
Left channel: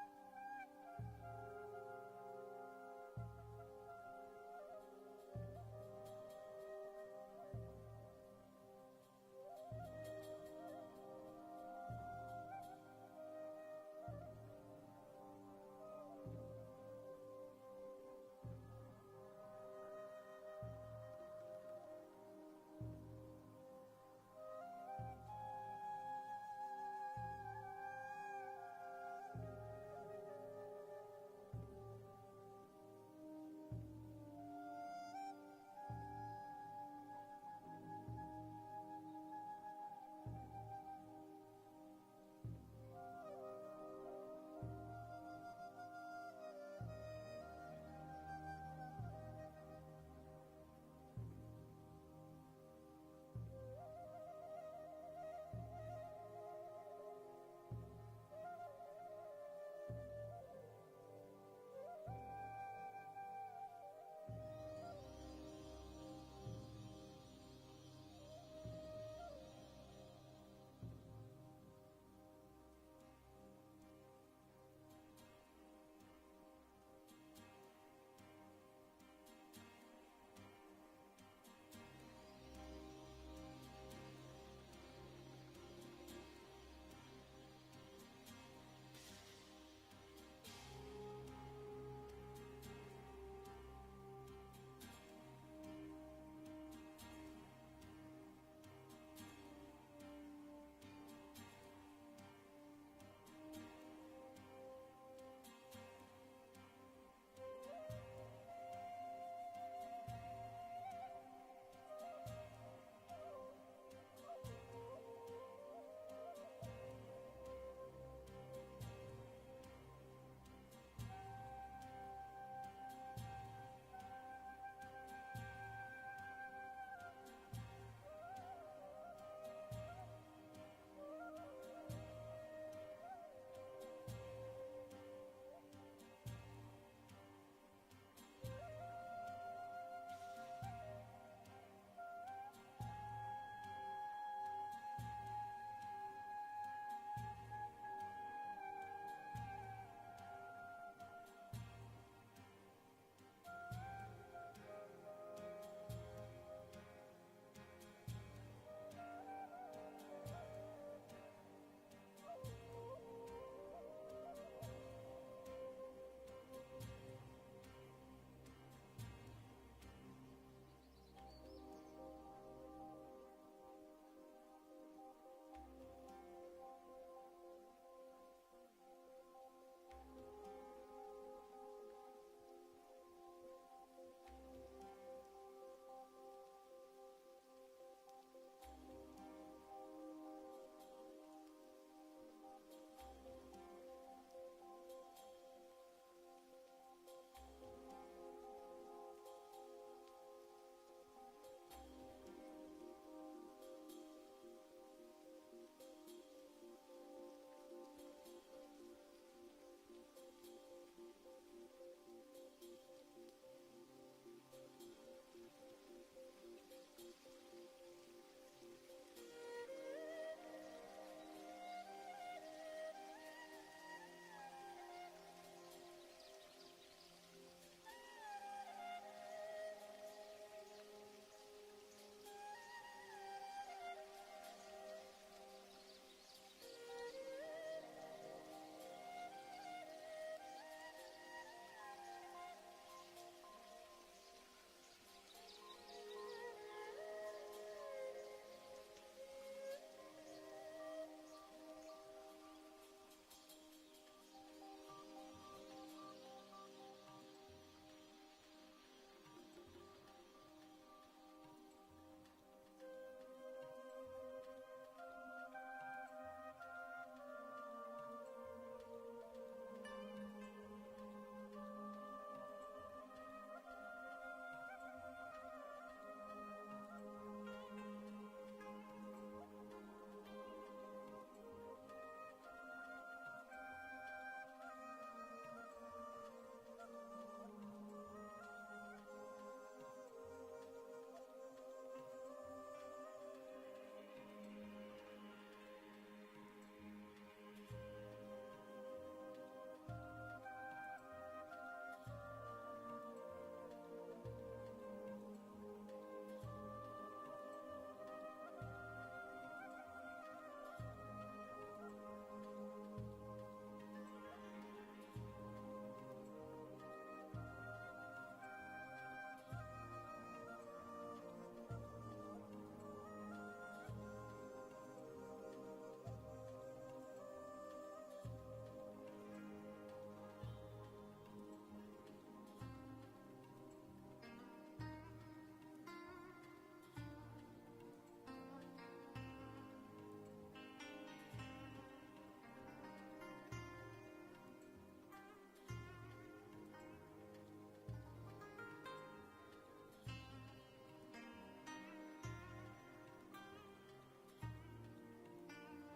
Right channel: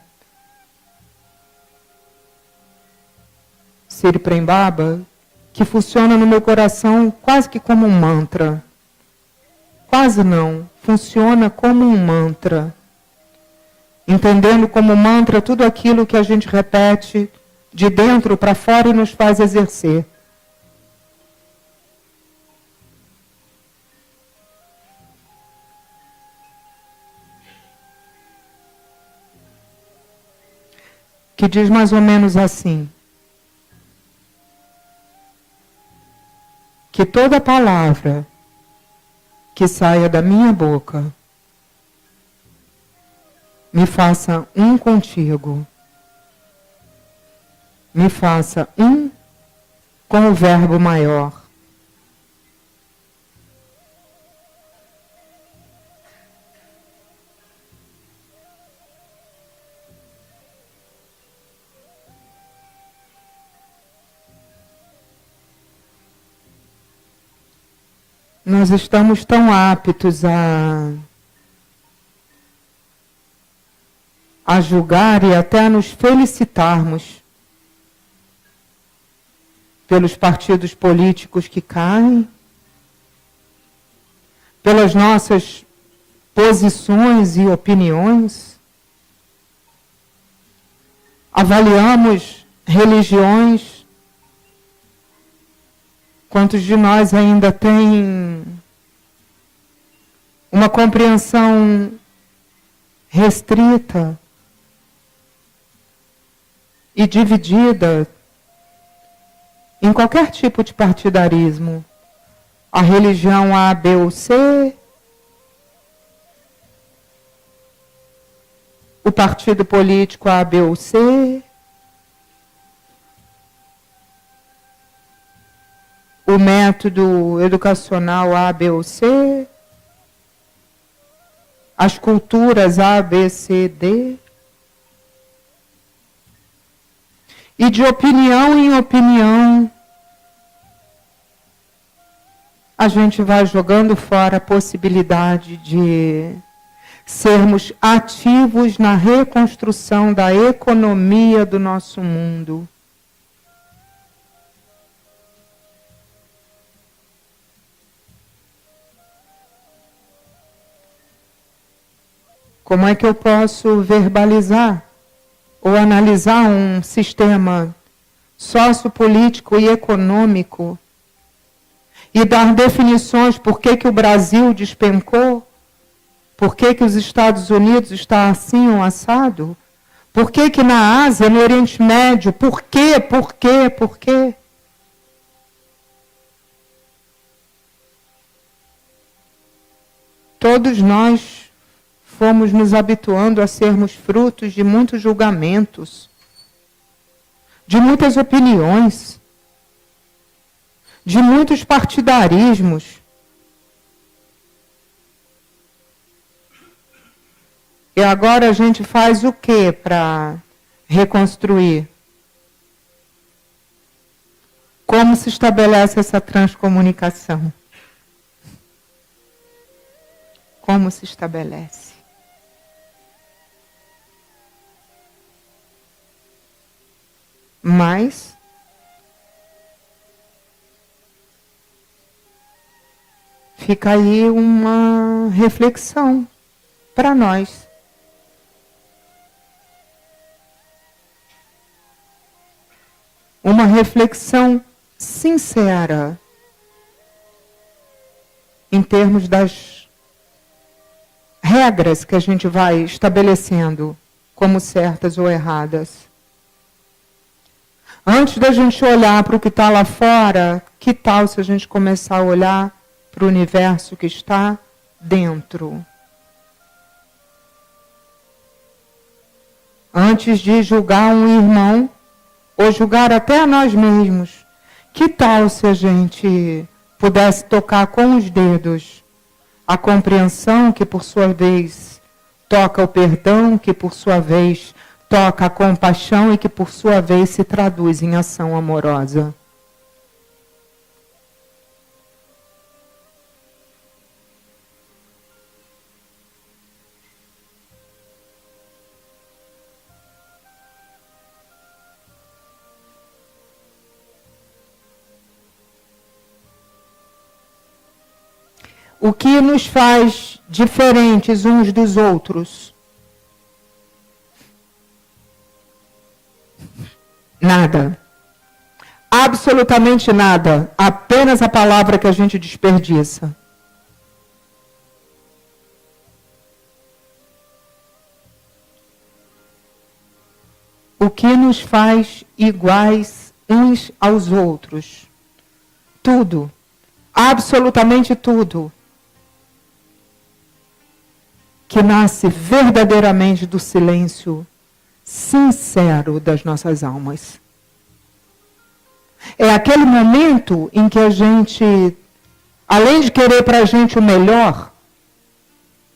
Siri Prembaba, que funciona no meu coração quase que como um mantra. Quase não, funciona como um mantra. Entendendo como mantra tudo aquilo que a gente repete de dentro para fora e nos faz exercer. Que diz mais ou menos assim: que toda palavra que saia da minha boca me faça um contigo, me faça um com o verbo maior. Nós estamos tão aptos a julgar e até a nos felicitarmos pelos partidos políticos que caem, pelas nossas posições e opiniões. Avaliamos religiões. Quantos de nós ainda têm uma compreensão restrita e dividida em qualquer tipo de partidarismo? A religião A, B ou C, o partido político A, B ou C, o método educacional A, B ou C, as culturas A, B, C, D. E de opinião em opinião, a gente vai jogando fora a possibilidade de sermos ativos na reconstrução da economia do nosso mundo. Como é que eu posso verbalizar ou analisar um sistema sociopolítico e econômico e dar definições por que o Brasil despencou, por que os Estados Unidos está assim ou assado, por que na Ásia, no Oriente Médio, por quê? Todos nós fomos nos habituando a sermos frutos de muitos julgamentos, de muitas opiniões, de muitos partidarismos. E agora a gente faz o que para reconstruir? Como se estabelece essa transcomunicação? Como se estabelece? Mas fica aí uma reflexão para nós. Uma reflexão sincera em termos das regras que a gente vai estabelecendo como certas ou erradas. Antes da gente olhar para o que está lá fora, que tal se a gente começar a olhar para o universo que está dentro? Antes de julgar um irmão, ou julgar até a nós mesmos, que tal se a gente pudesse tocar com os dedos a compreensão que, por sua vez, toca o perdão, que, por sua vez, toca a compaixão e que, por sua vez, se traduz em ação amorosa? O que nos faz diferentes uns dos outros Nada. Absolutamente nada. Apenas a palavra que a gente desperdiça. O que nos faz iguais uns aos outros? Tudo. Absolutamente tudo. Que nasce verdadeiramente do silêncio sincero das nossas almas. É aquele momento em que a gente, além de querer para a gente o melhor,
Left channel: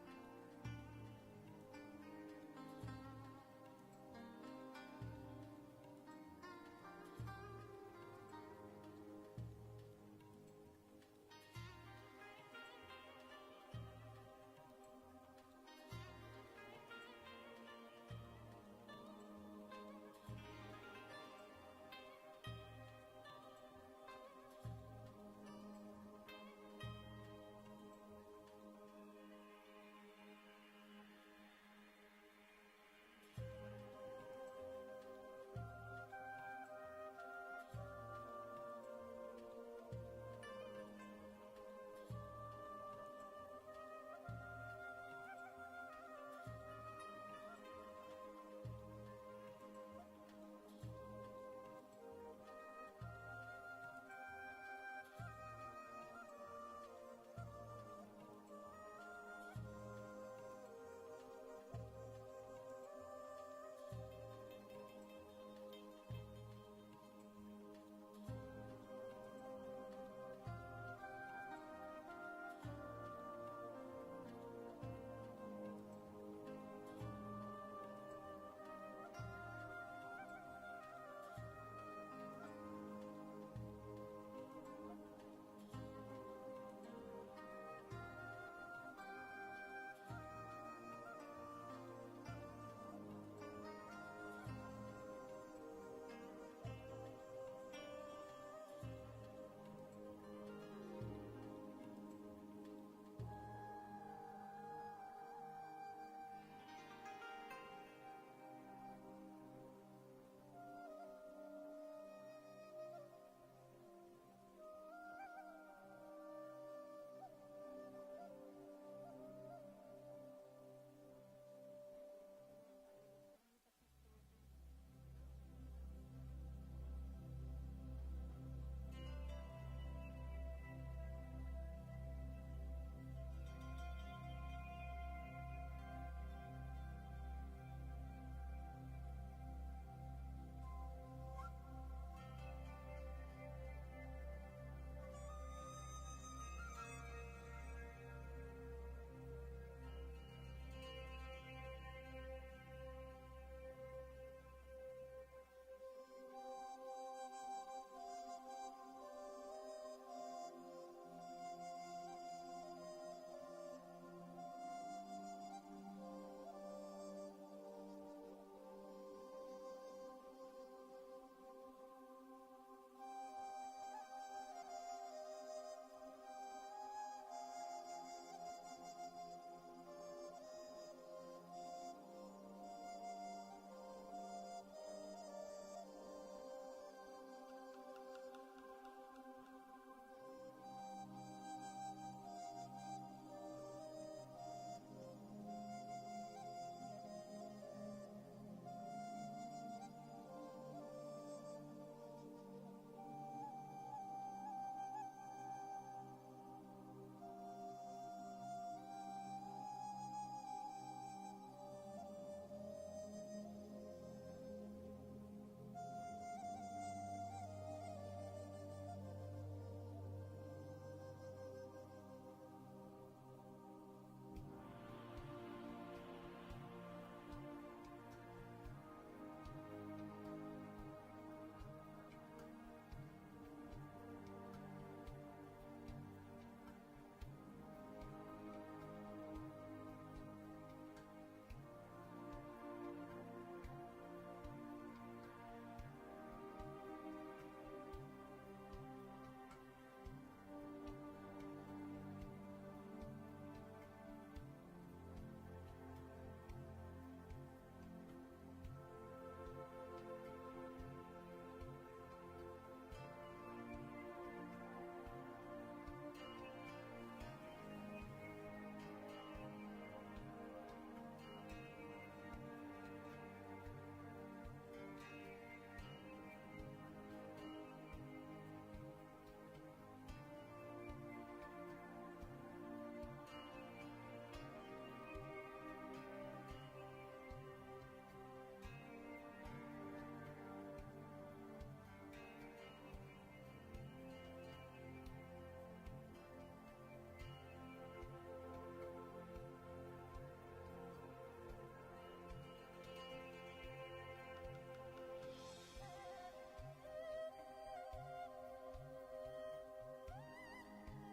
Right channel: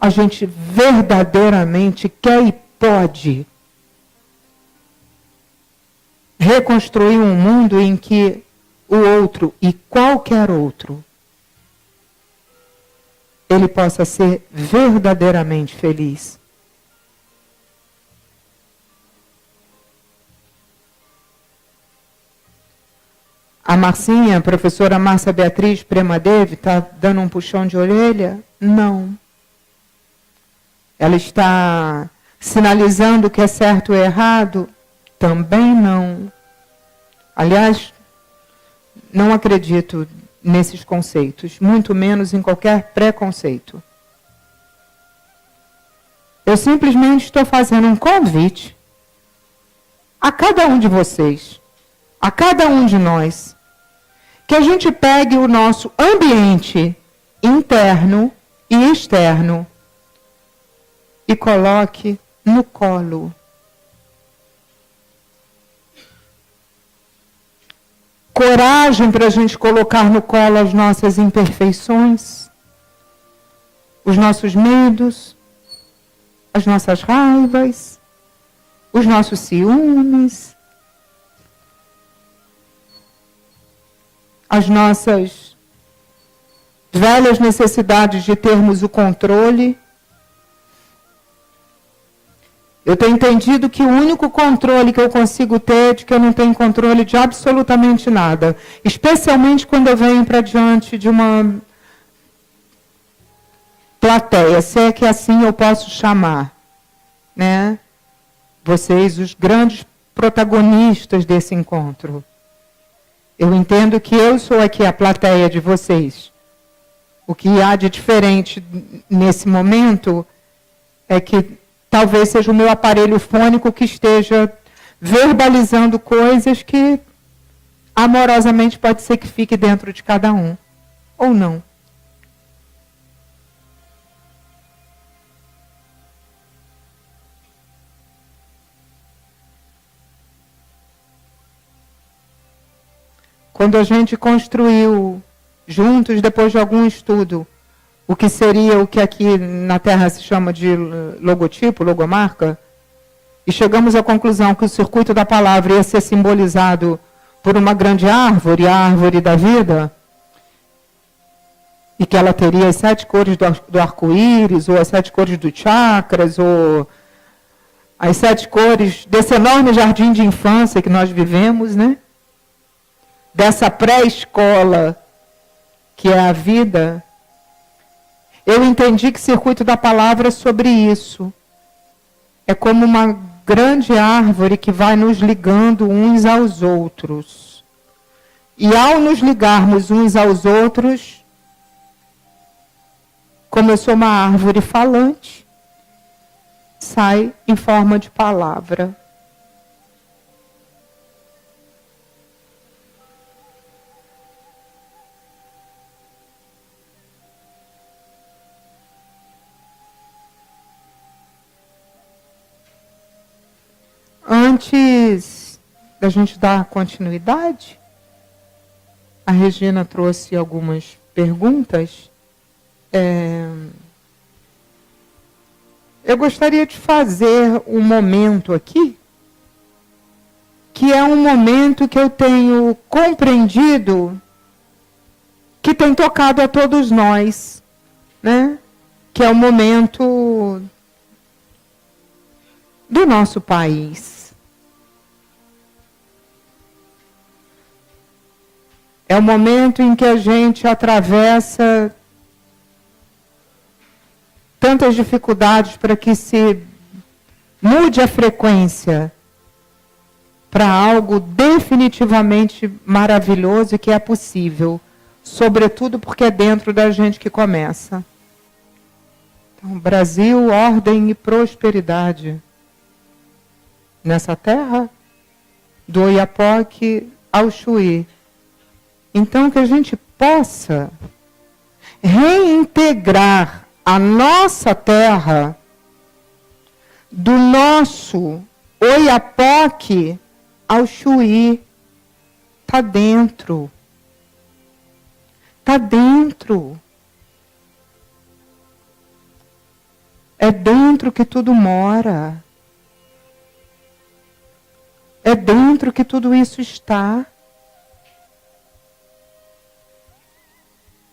a gente verdadeiramente quer e pode reconstruir um mundo em que o outro e qualquer outro, ele possa ser verdadeiramente feliz. A Marcinha, a professora Márcia Beatriz Premadevi, está dando um puxão de orelha? Não. Ela está sinalizando o que é certo e errado? Também não. Aliás, não acredito nesses conceitos, muito menos em qualquer preconceito. Eu simplesmente estou fazendo um convite a cada um de vocês, a cada um de nós, que a gente pegue o nosso ambiente interno e externo e coloque no colo. Coragem para a gente colocar no colo as nossas imperfeições, os nossos medos, as nossas raivas, os nossos ciúmes, as nossas velhas necessidades de termos o controle. Eu tenho entendido que o único controle que eu consigo ter é de que eu não tenho controle de absolutamente nada. Especialmente quando eu venho para diante de uma plateia, se é que assim eu posso chamar, né? Vocês, os grandes protagonistas desse encontro. Eu entendo que eu sou aqui a plateia de vocês. O que há de diferente nesse momento é que talvez seja o meu aparelho fônico que esteja verbalizando coisas que amorosamente pode ser que fique dentro de cada um, ou não. Quando a gente construiu juntos, depois de algum estudo, o que seria o que aqui na Terra se chama de logotipo, logomarca, e chegamos à conclusão que o circuito da palavra ia ser simbolizado por uma grande árvore, a árvore da vida, e que ela teria as 7 cores do arco-íris, ou as 7 cores dos chakras, ou as 7 cores desse enorme jardim de infância que nós vivemos, né? Dessa pré-escola que é a vida. Eu entendi que circuito da palavra é sobre isso. É como uma grande árvore que vai nos ligando uns aos outros. E ao nos ligarmos uns aos outros, como eu sou uma árvore falante, sai em forma de palavra. Antes da gente dar continuidade, a Regina trouxe algumas perguntas. Eu gostaria de fazer um momento aqui, que é um momento que eu tenho compreendido que tem tocado a todos nós, né? Que é o momento do nosso país. É o momento em que a gente atravessa tantas dificuldades para que se mude a frequência para algo definitivamente maravilhoso e que é possível, sobretudo porque é dentro da gente que começa. Então, Brasil, ordem e prosperidade nessa terra, do Oiapoque ao Chuí. Então, que a gente possa reintegrar a nossa terra do nosso Oiapoque ao Chuí. Está dentro. Está dentro. É dentro que tudo mora. É dentro que tudo isso está.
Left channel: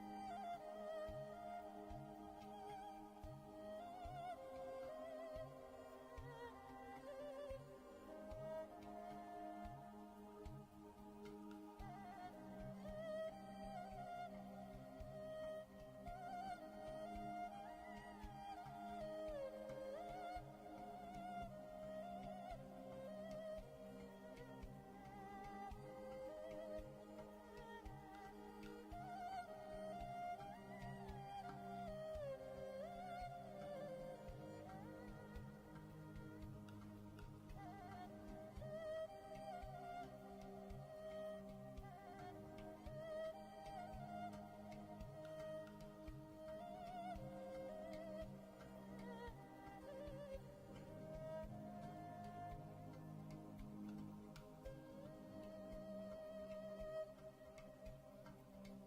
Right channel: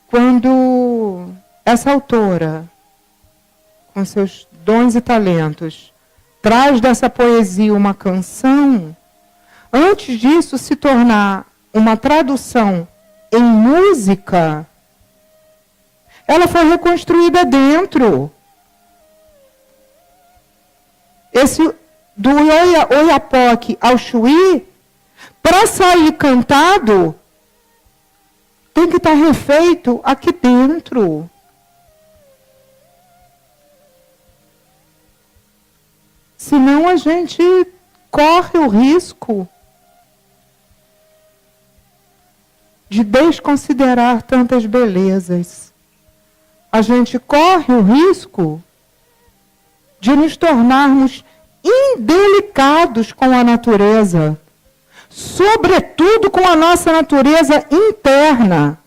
Quando essa autora, com seus dons e talentos, traz dessa poesia uma canção, antes disso se tornar uma tradução em música, ela foi reconstruída dentro. Esse do Oiapoque ao Chuí, para sair cantado, tem que estar refeito aqui dentro. Senão a gente corre o risco de desconsiderar tantas belezas. A gente corre o risco de nos tornarmos indelicados com a natureza, sobretudo com a nossa natureza interna.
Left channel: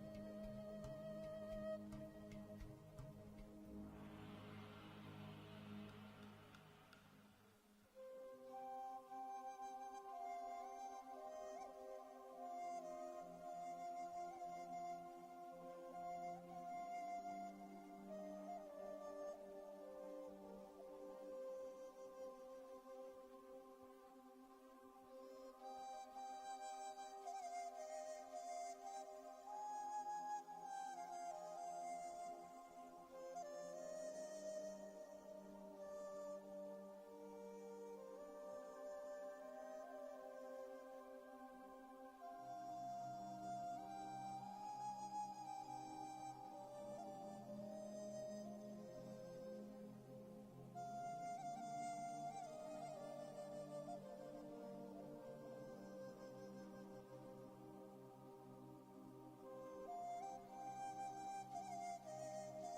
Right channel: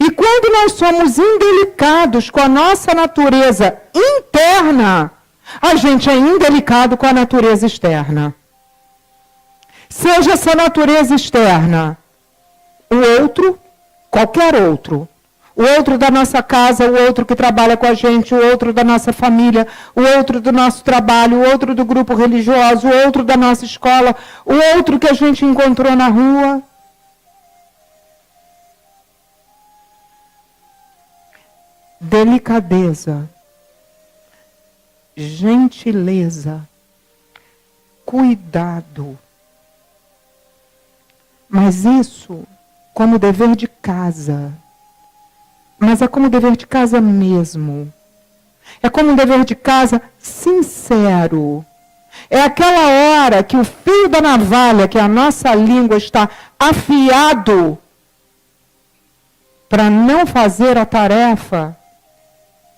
E quando nós somos indelicados com a nossa natureza interna, a gente é indelicado com a natureza externa. Seja essa natureza externa o outro, qualquer outro. O outro da nossa casa, o outro que trabalha com a gente, o outro da nossa família, o outro do nosso trabalho, o outro do grupo religioso, o outro da nossa escola, o outro que a gente encontrou na rua. Delicadeza, gentileza, cuidado. Mas isso como dever de casa. Mas é como dever de casa mesmo. É como um dever de casa sincero. É aquela hora que o fio da navalha, que a nossa língua está afiado para não fazer a tarefa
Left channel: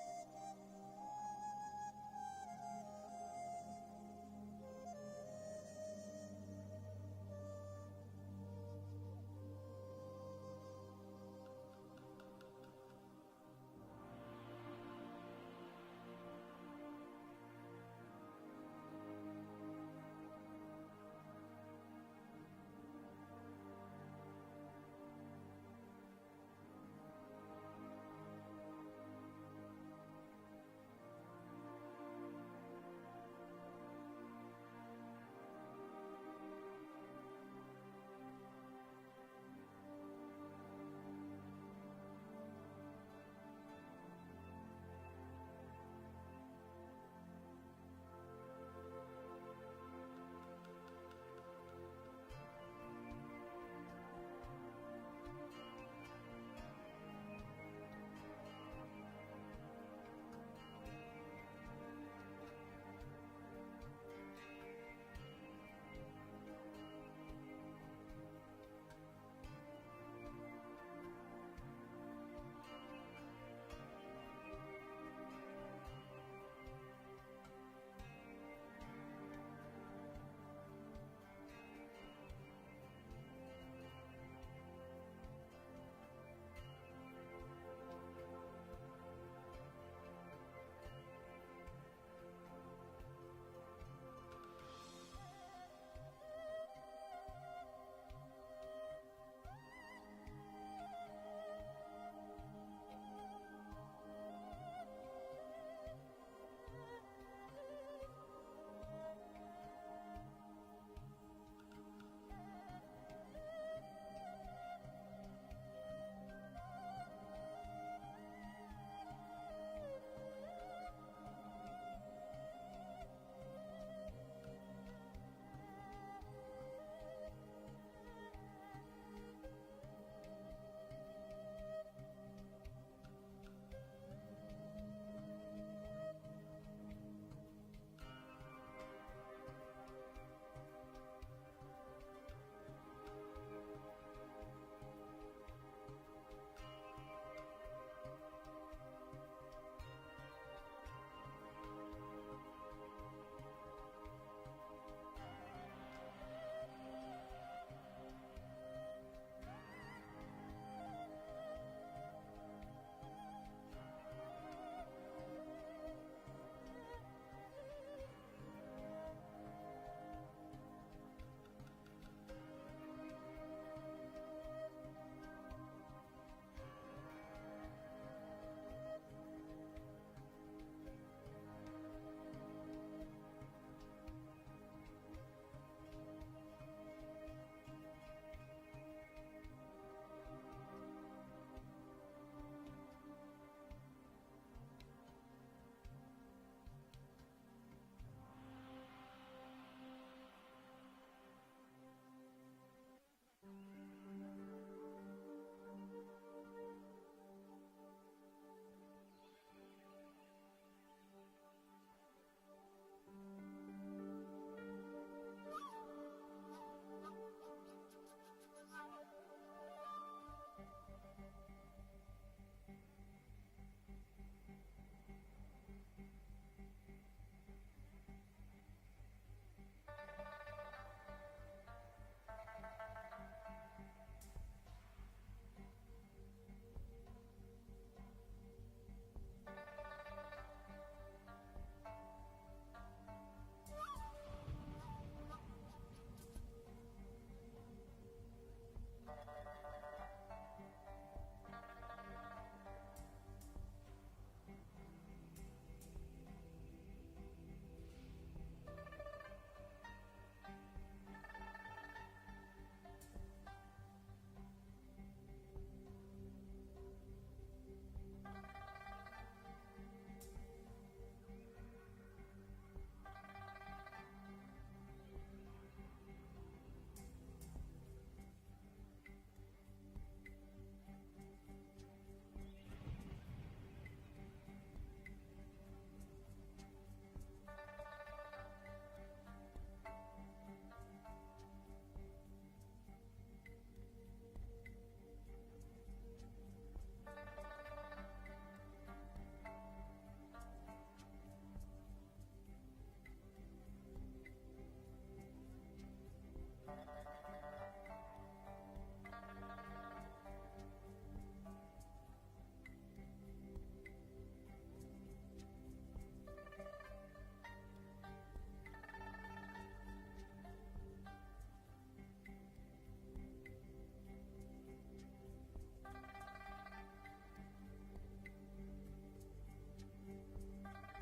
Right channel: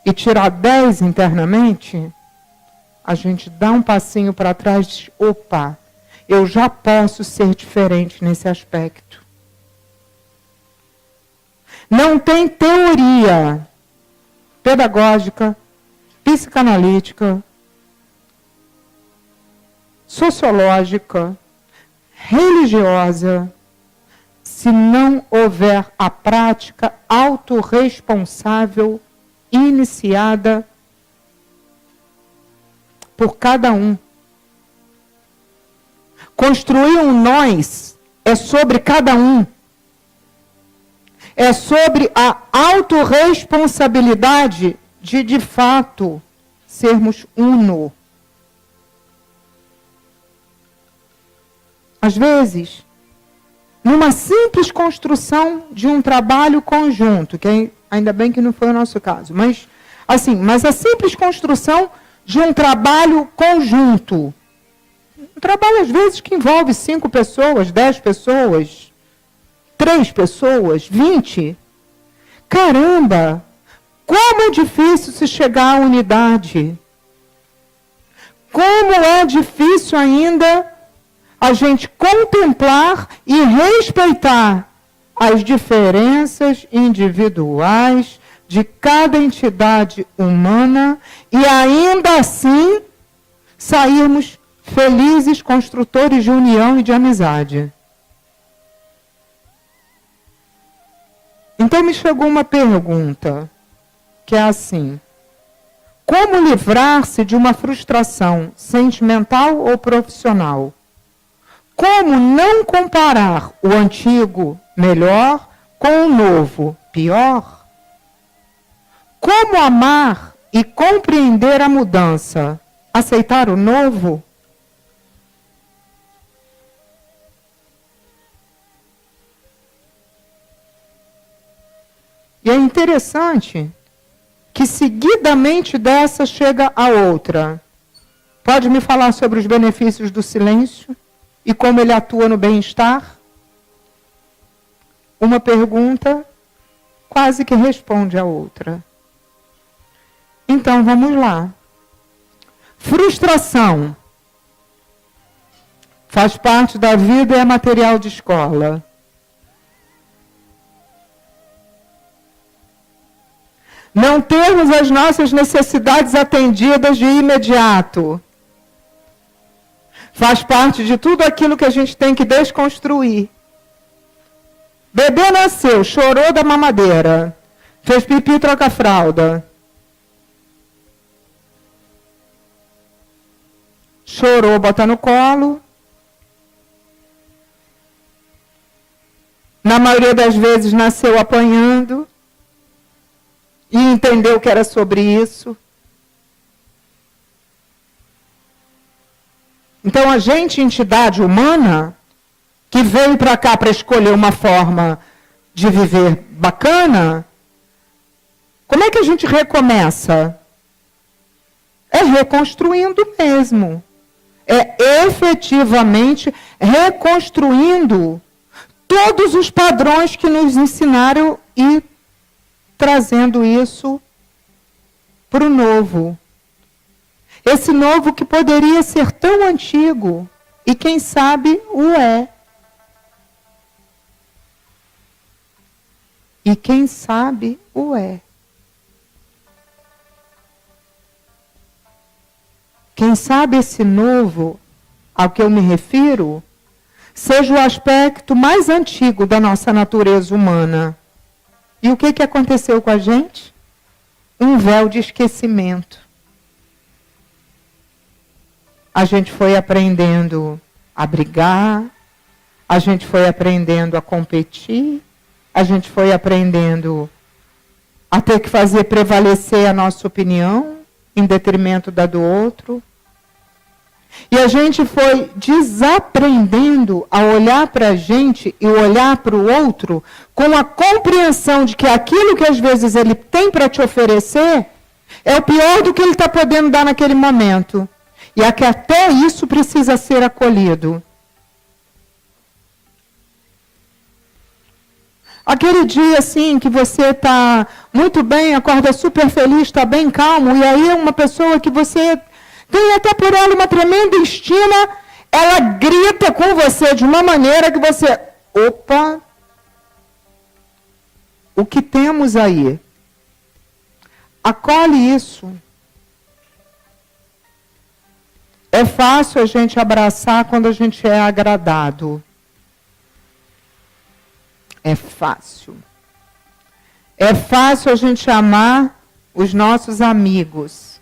e tirar 10 internamente, a gente dá um passinho para trás e diz, opa, eu já posso ser diferente nesse aspecto. Não tem teoria pedagógica, psicanalítica, sociológica, religiosa, se não houver a prática autorresponsável iniciada por cada um. Construir um nós é sobre cada um. É sobre a autorresponsabilidade de fato, sermos uno. Às vezes, numa simples construção de um trabalho conjunto, que ainda bem que não foi o nosso caso, mas a simples construção de um trabalho conjunto. Um trabalho, às vezes, que envolve 5 pessoas, 10 pessoas, 3 pessoas, 20. Caramba! Como é difícil se chegar à unidade. Como é difícil ainda a gente contemplar e respeitar as diferenças individuais de cada entidade humana e ainda assim sairmos felizes construtores de união e de amizade. Então me chegou uma pergunta, que é assim: como livrar-se de uma frustração sentimental ou profissional? Como não comparar o antigo, melhor, com o novo, pior? Como amar e compreender a mudança? Aceitar o novo? E é interessante que seguidamente dessa chega a outra. Pode me falar sobre os benefícios do silêncio e como ele atua no bem-estar? Uma pergunta quase que responde a outra. Então, vamos lá. Frustração. Faz parte da vida e é material de escola. Não termos as nossas necessidades atendidas de imediato. Faz parte de tudo aquilo que a gente tem que desconstruir. Bebê nasceu, chorou da mamadeira, fez pipi, troca fralda. Chorou, bota no colo. Na maioria das vezes nasceu apanhando. E entendeu que era sobre isso. Então, a gente, entidade humana, que veio para cá para escolher uma forma de viver bacana, como é que a gente recomeça? É reconstruindo mesmo. É efetivamente reconstruindo todos os padrões que nos ensinaram e trazendo isso para o novo. Esse novo que poderia ser tão antigo e quem sabe o é. E quem sabe o é. Quem sabe esse novo, ao que eu me refiro, seja o aspecto mais antigo da nossa natureza humana. E o que aconteceu com a gente? Um véu de esquecimento. A gente foi aprendendo a brigar, a gente foi aprendendo a competir, a gente foi aprendendo a ter que fazer prevalecer a nossa opinião em detrimento da do outro. E a gente foi desaprendendo a olhar para a gente e olhar para o outro com a compreensão de que aquilo que às vezes ele tem para te oferecer é o pior do que ele está podendo dar naquele momento. E é que até isso precisa ser acolhido. Aquele dia, assim, que você está muito bem, acorda super feliz, está bem calmo, e aí uma pessoa que você tem até por ela uma tremenda estima, ela grita com você de uma maneira que você... Opa! O que temos aí? Acolhe isso. É fácil a gente abraçar quando a gente é agradado. É fácil. É fácil a gente amar os nossos amigos.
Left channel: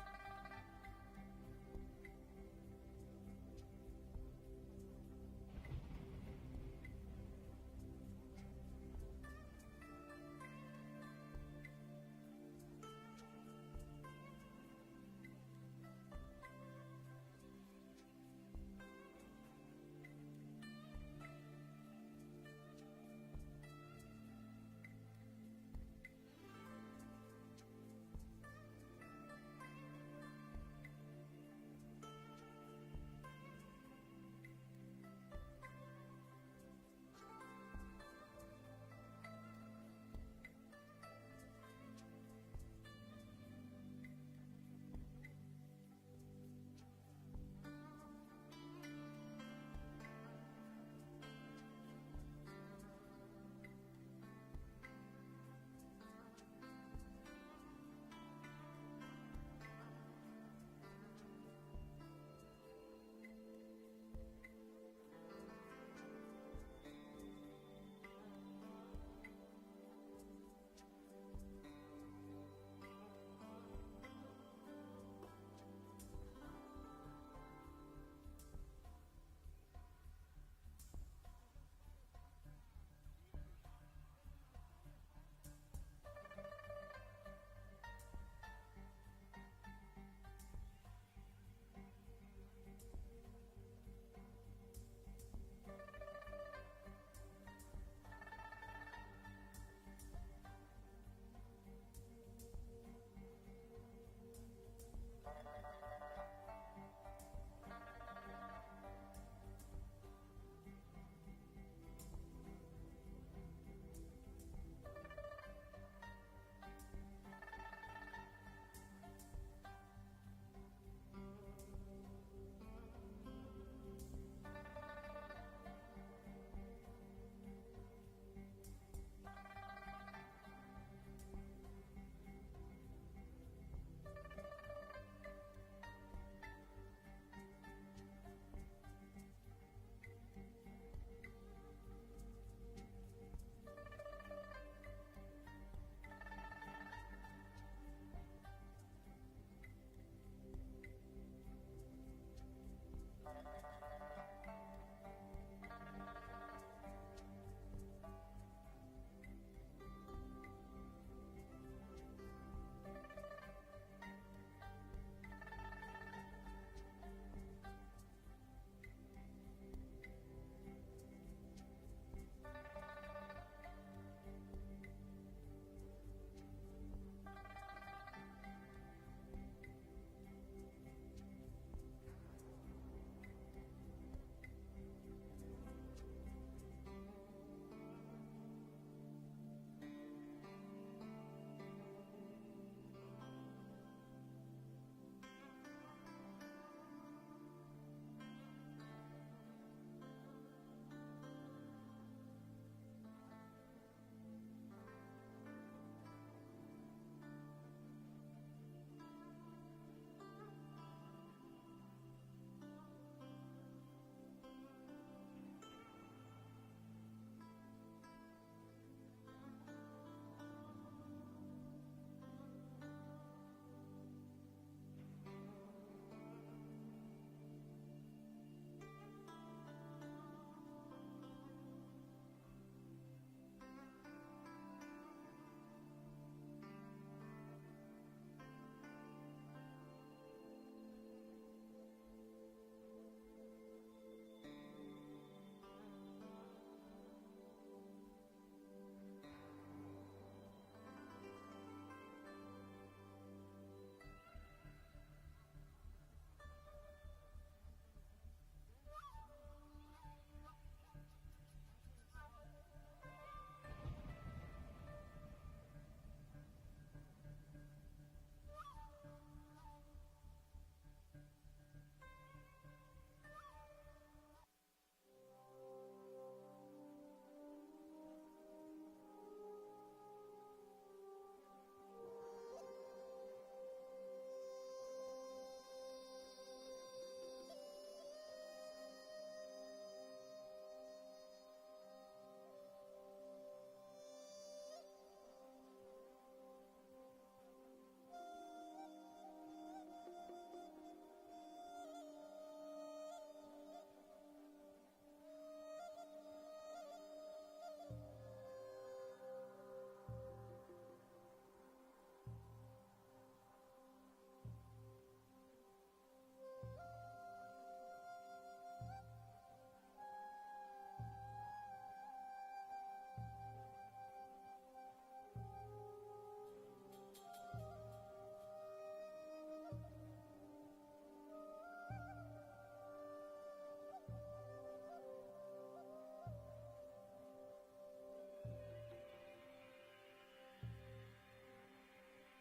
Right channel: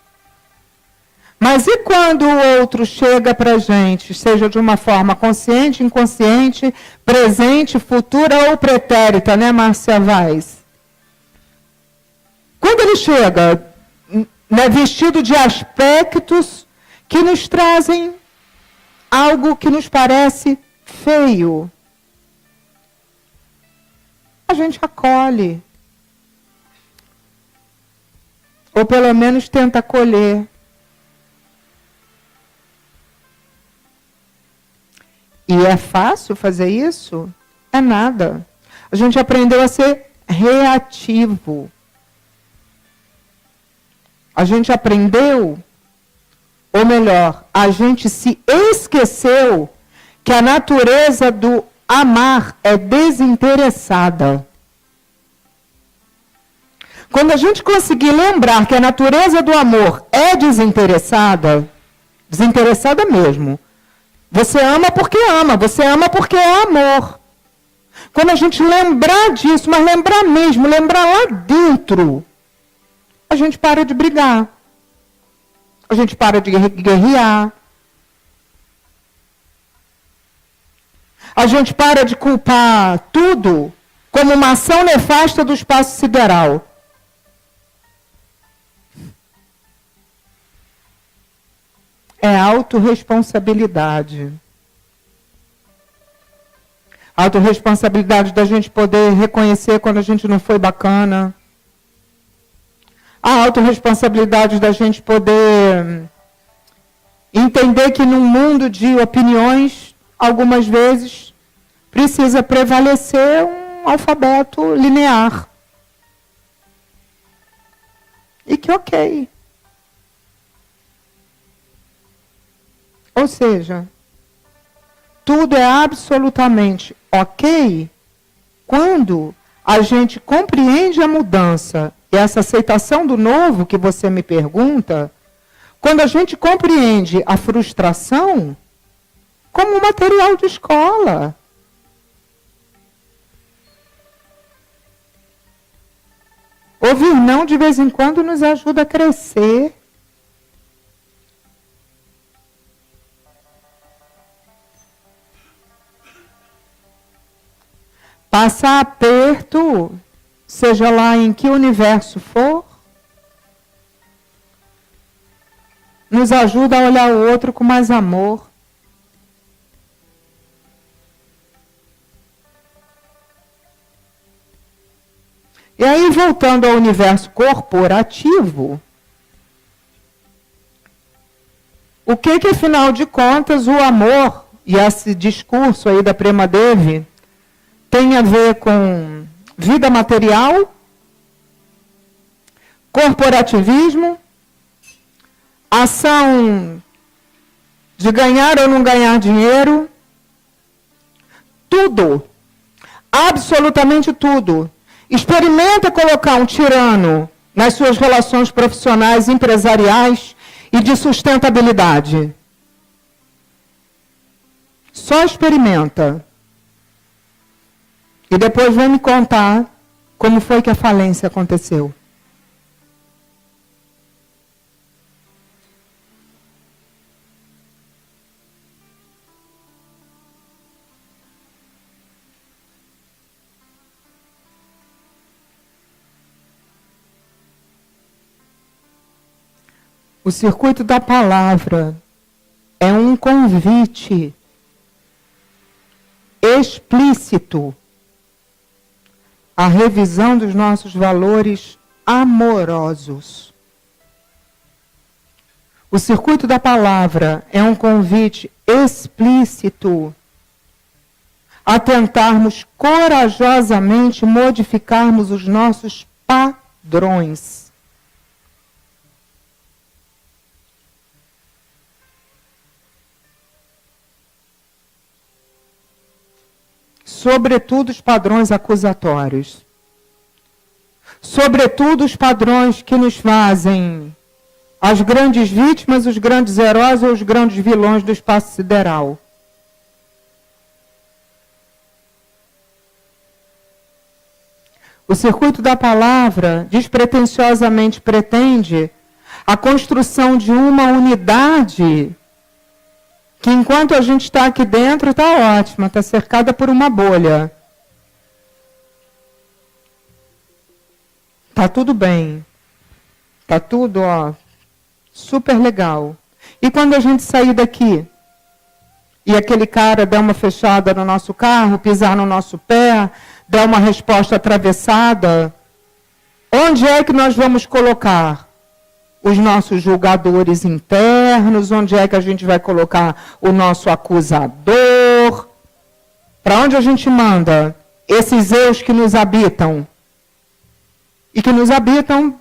Mas e quando o outro chega para a gente, seja de uma forma consciente, inconsciente, presente, futura ou pretérita, né, Márcia Vaz? Quando ele chega, né, vestido de aspectos que nos trazem algo que nos parece feio, a gente acolhe. Ou pelo menos tenta acolher. E é fácil fazer isso? É nada. A gente aprendeu a ser reativo. A gente aprendeu, ou melhor, a gente se esqueceu que a natureza do amar é desinteressada. Quando a gente conseguir lembrar que a natureza do amor é desinteressada, desinteressada mesmo, você ama porque é amor. Quando a gente lembrar disso, mas lembrar mesmo, lembrar lá dentro, a gente para de brigar. A gente para de guerrear. A gente para de culpar tudo como uma ação nefasta do espaço sideral. É autorresponsabilidade. A autorresponsabilidade da gente poder reconhecer quando a gente não foi bacana. A autorresponsabilidade da gente poder entender que num mundo de opiniões, algumas vezes, precisa prevalecer um alfabeto linear. E que ok. Ou seja, tudo é absolutamente ok quando a gente compreende a mudança e essa aceitação do novo que você me pergunta, quando a gente compreende a frustração como um material de escola. Ouvir não de vez em quando nos ajuda a crescer. Passar aperto, seja lá em que universo for, nos ajuda a olhar o outro com mais amor. E aí, voltando ao universo corporativo, o que afinal de contas, o amor e esse discurso aí da Prema Devi tem a ver com vida material, corporativismo, ação de ganhar ou não ganhar dinheiro, tudo, absolutamente tudo. Experimenta colocar um tirano nas suas relações profissionais, empresariais e de sustentabilidade. Só experimenta. E depois vem me contar como foi que a falência aconteceu. O circuito da palavra é um convite explícito à revisão dos nossos valores amorosos. O circuito da palavra é um convite explícito a tentarmos corajosamente modificarmos os nossos padrões. Sobretudo os padrões acusatórios. Sobretudo os padrões que nos fazem as grandes vítimas, os grandes heróis ou os grandes vilões do espaço sideral. O circuito da palavra despretensiosamente pretende a construção de uma unidade que enquanto a gente está aqui dentro, está ótima, está cercada por uma bolha. Está tudo bem. Está tudo, super legal. E quando a gente sair daqui, e aquele cara der uma fechada no nosso carro, pisar no nosso pé, der uma resposta atravessada, onde é que nós vamos colocar os nossos julgadores internos? Onde é que a gente vai colocar o nosso acusador? Para onde a gente manda esses eus que nos habitam? E que nos habitam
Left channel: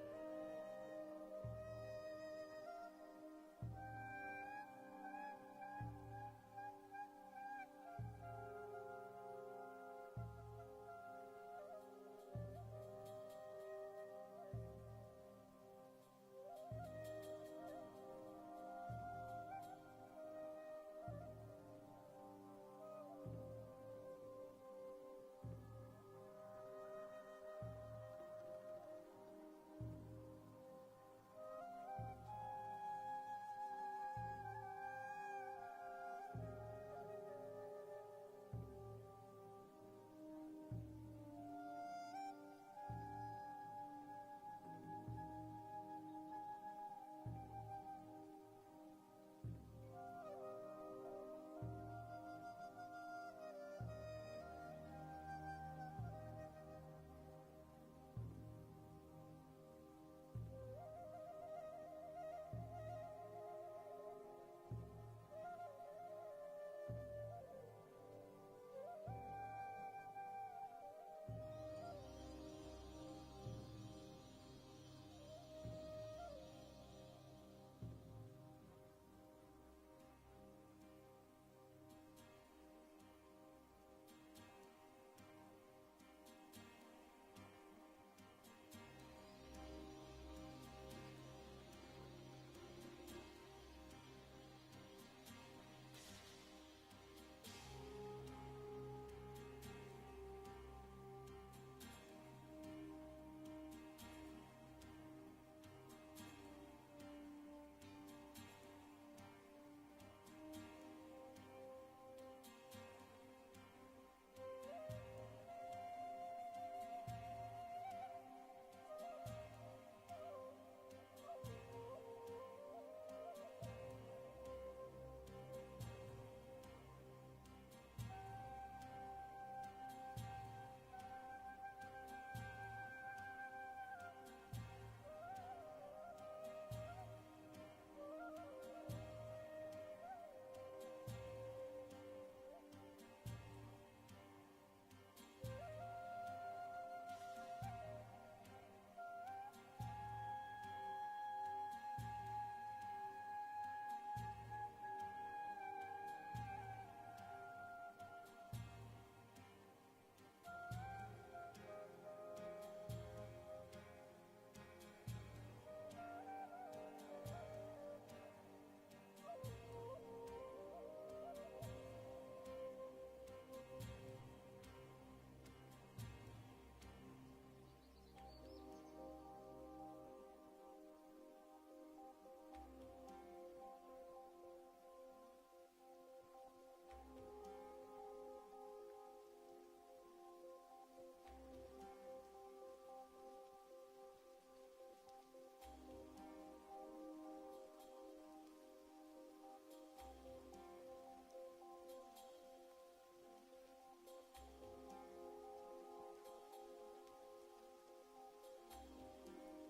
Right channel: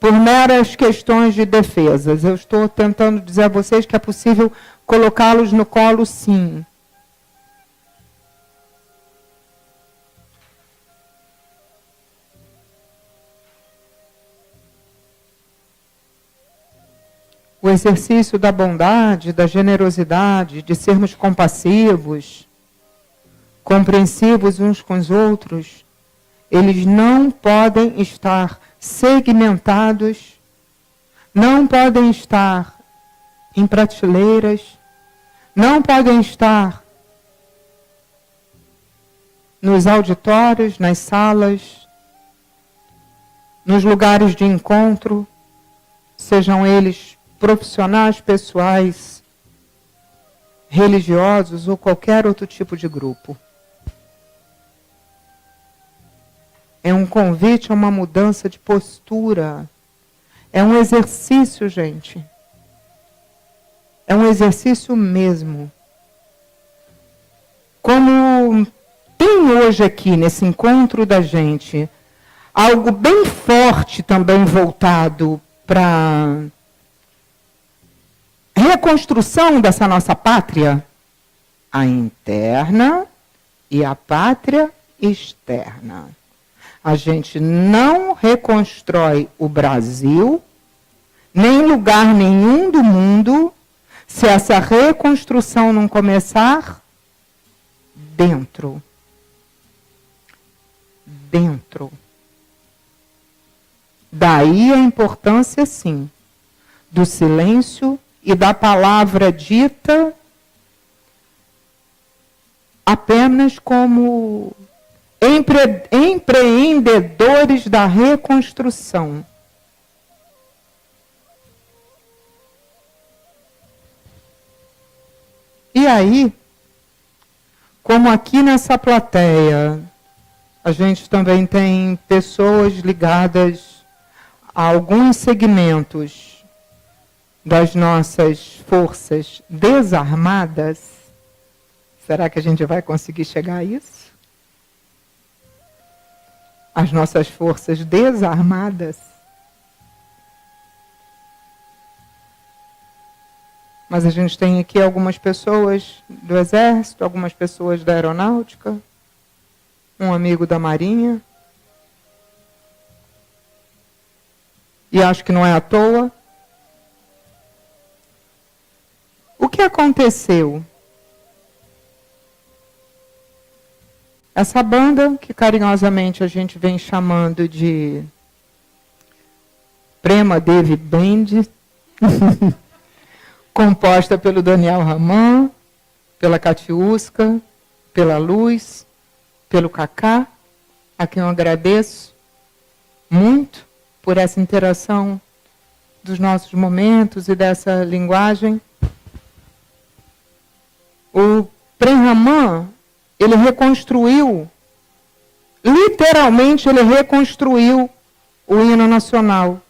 por meras questões de defesas. Eu estou tentando dizer a vocês que é possível colocá-los no colo, sim. O exercício da bondade, da generosidade, de sermos compassivos, compreensivos uns com os outros, eles não podem estar segmentados, não podem estar em prateleiras, não podem estar nos auditórios, nas salas, nos lugares de encontro, sejam eles profissionais, pessoais, religiosos ou qualquer outro tipo de grupo. É um convite a uma mudança de postura. É um exercício, gente. É um exercício mesmo. Como tem hoje aqui, nesse encontro da gente, algo bem forte também voltado para reconstrução dessa nossa pátria, a interna e a pátria externa. A gente não reconstrói o Brasil, nem lugar nenhum do mundo, se essa reconstrução não começar dentro. Dentro. Daí a importância, sim, do silêncio e da palavra dita apenas como empreendedores da reconstrução. E aí, como aqui nessa plateia, a gente também tem pessoas ligadas a alguns segmentos das nossas forças desarmadas, será que a gente vai conseguir chegar a isso? As nossas forças desarmadas. Mas a gente tem aqui algumas pessoas do Exército, algumas pessoas da Aeronáutica, um amigo da Marinha. E acho que não é à toa. O que aconteceu? Essa banda, que carinhosamente a gente vem chamando de Prema Devi Band, composta pelo Daniel Raman, pela Catiusca, pela Luz, pelo Cacá, a quem eu agradeço muito por essa interação dos nossos momentos e dessa linguagem. O Prem Raman, ele reconstruiu, literalmente ele reconstruiu o hino nacional.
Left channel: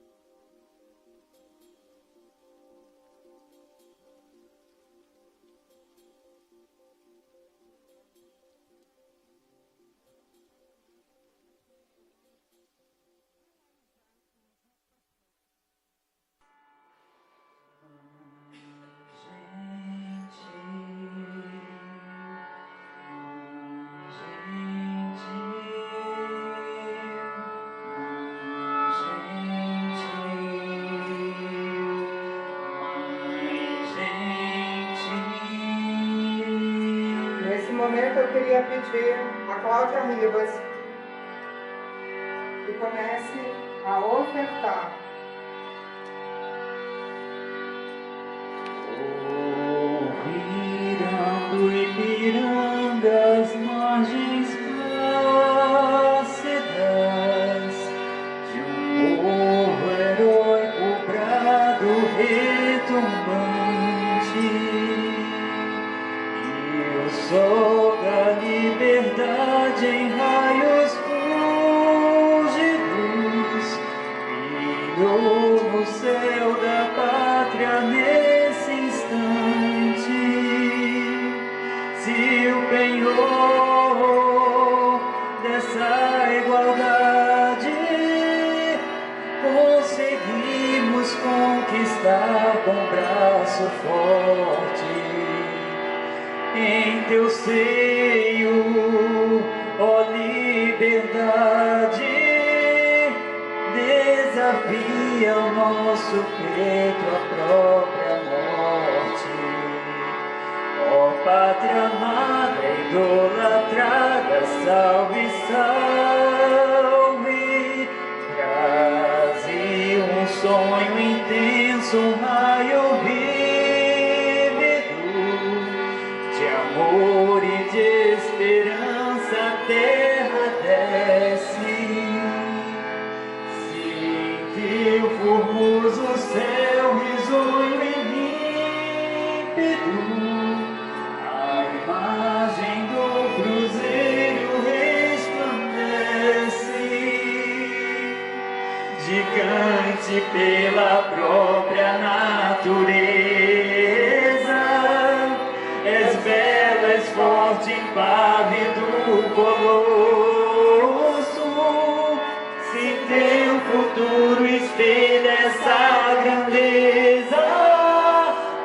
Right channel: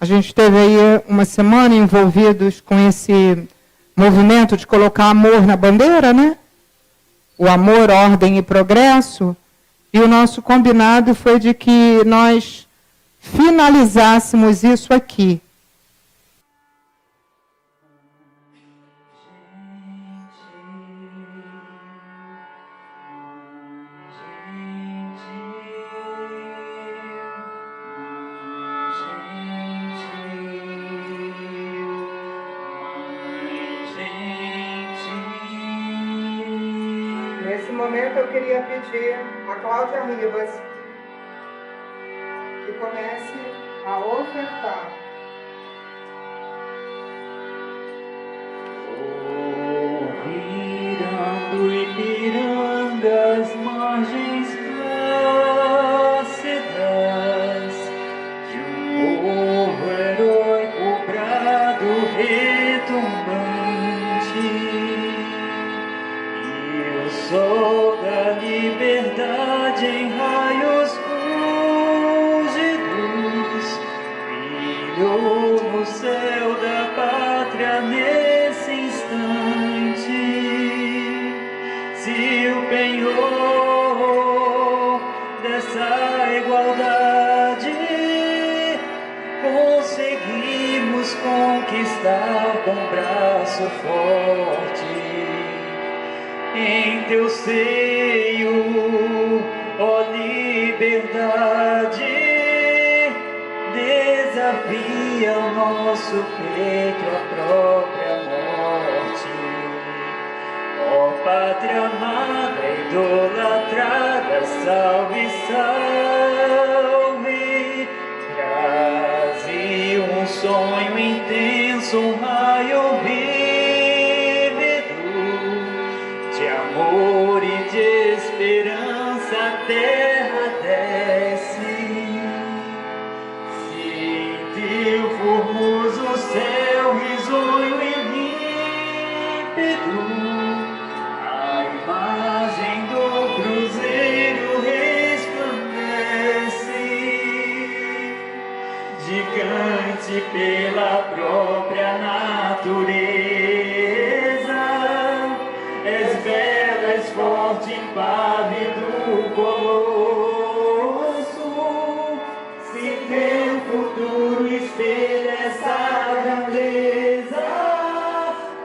A gente esteve aí uma semana envolvidos com esse movimento de colocar amor na bandeira, né? O amor, ordem e progresso. E o nosso combinado foi de que nós finalizássemos isso aqui. Nesse momento eu queria pedir a Cláudia Ribas que comece a ofertar. Virando Ipiranga, as margens plácidas de um povo heróico, brado retumbante, e o sol da liberdade em raios fúlgidos brilhou no céu da pátria nesse instante. Se o penhor dessa igualdade conseguimos conquistar com braço forte, em teu seio, ó liberdade, desafia o nosso peito a própria morte. Ó pátria amada, idolatrada, salve, salve. Brasil, um sonho intenso, um raio vívido de amor e de esperança, a terra desce. Se em teu formoso céu risonho e límpido a imagem do cruzeiro resplandece, natureza. És bela, és forte, impávido colosso. Se teu futuro espelha essa grandeza,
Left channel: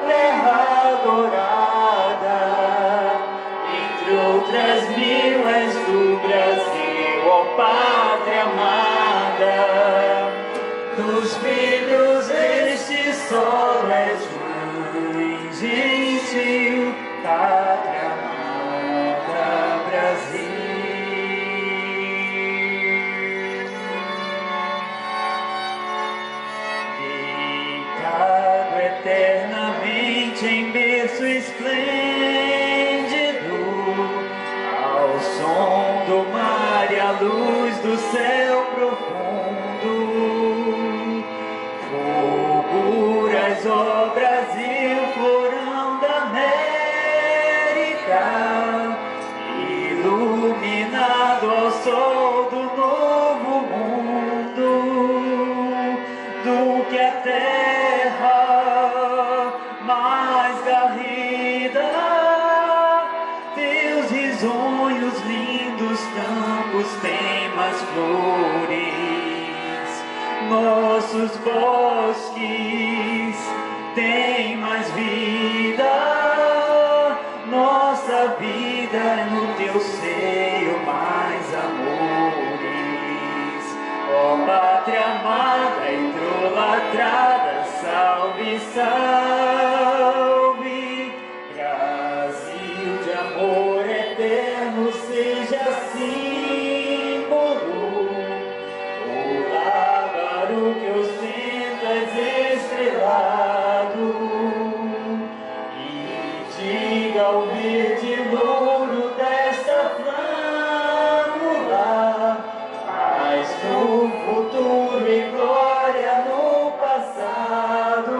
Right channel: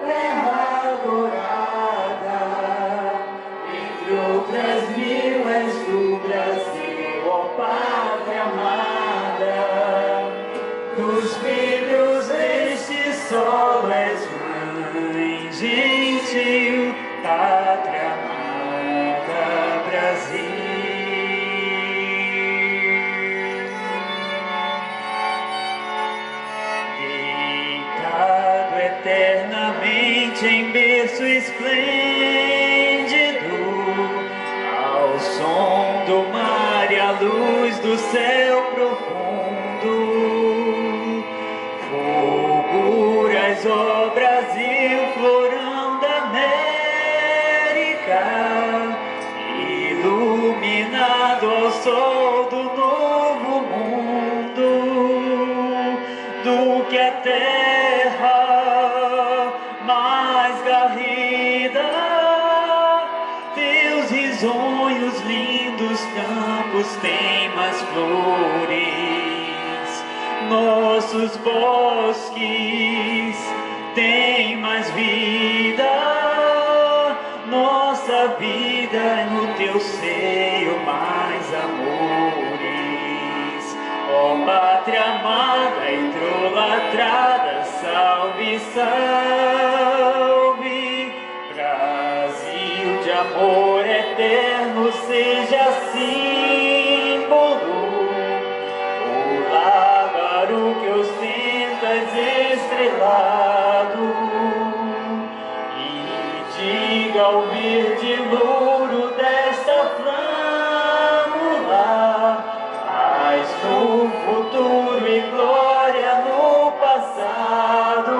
terra adorada, entre outras mil és do Brasil, ó pátria amada. Dos filhos deste solo és mãe gentil, pátria amada, Brasil. Deitado eternamente em berço esplêndido, ao som do mar e à luz do céu profundo, fulguras, ó Brasil, florão da América, iluminado ao sol do novo mundo, do que a terra mais garrida. Teus risonhos lindos campos têm mais flores, nossos bosques têm mais vida, nossa vida é no teu seio mais amores. Ó pátria amada, idolatrada, salve, salve, Brasil de amor eterno, seja símbolo. O lábaro que ostentas estrelado, e diga ao verde louro desta flâmula, paz no futuro e glória no passado.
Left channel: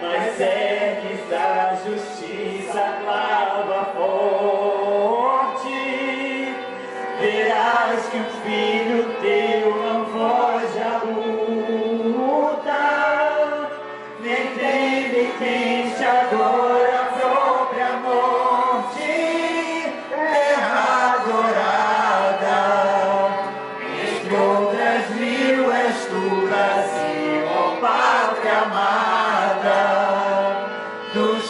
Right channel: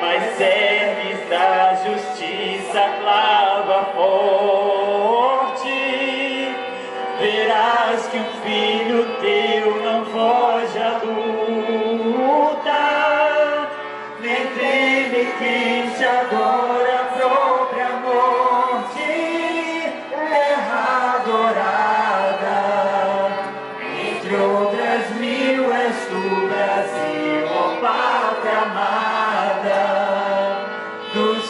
Mas serves a justiça, clava forte, verás que um filho teu não foge à luta, nem treme quente agora a própria morte, terra adorada, entre outras mil és tu, Brasil, ó pátria amada. Dos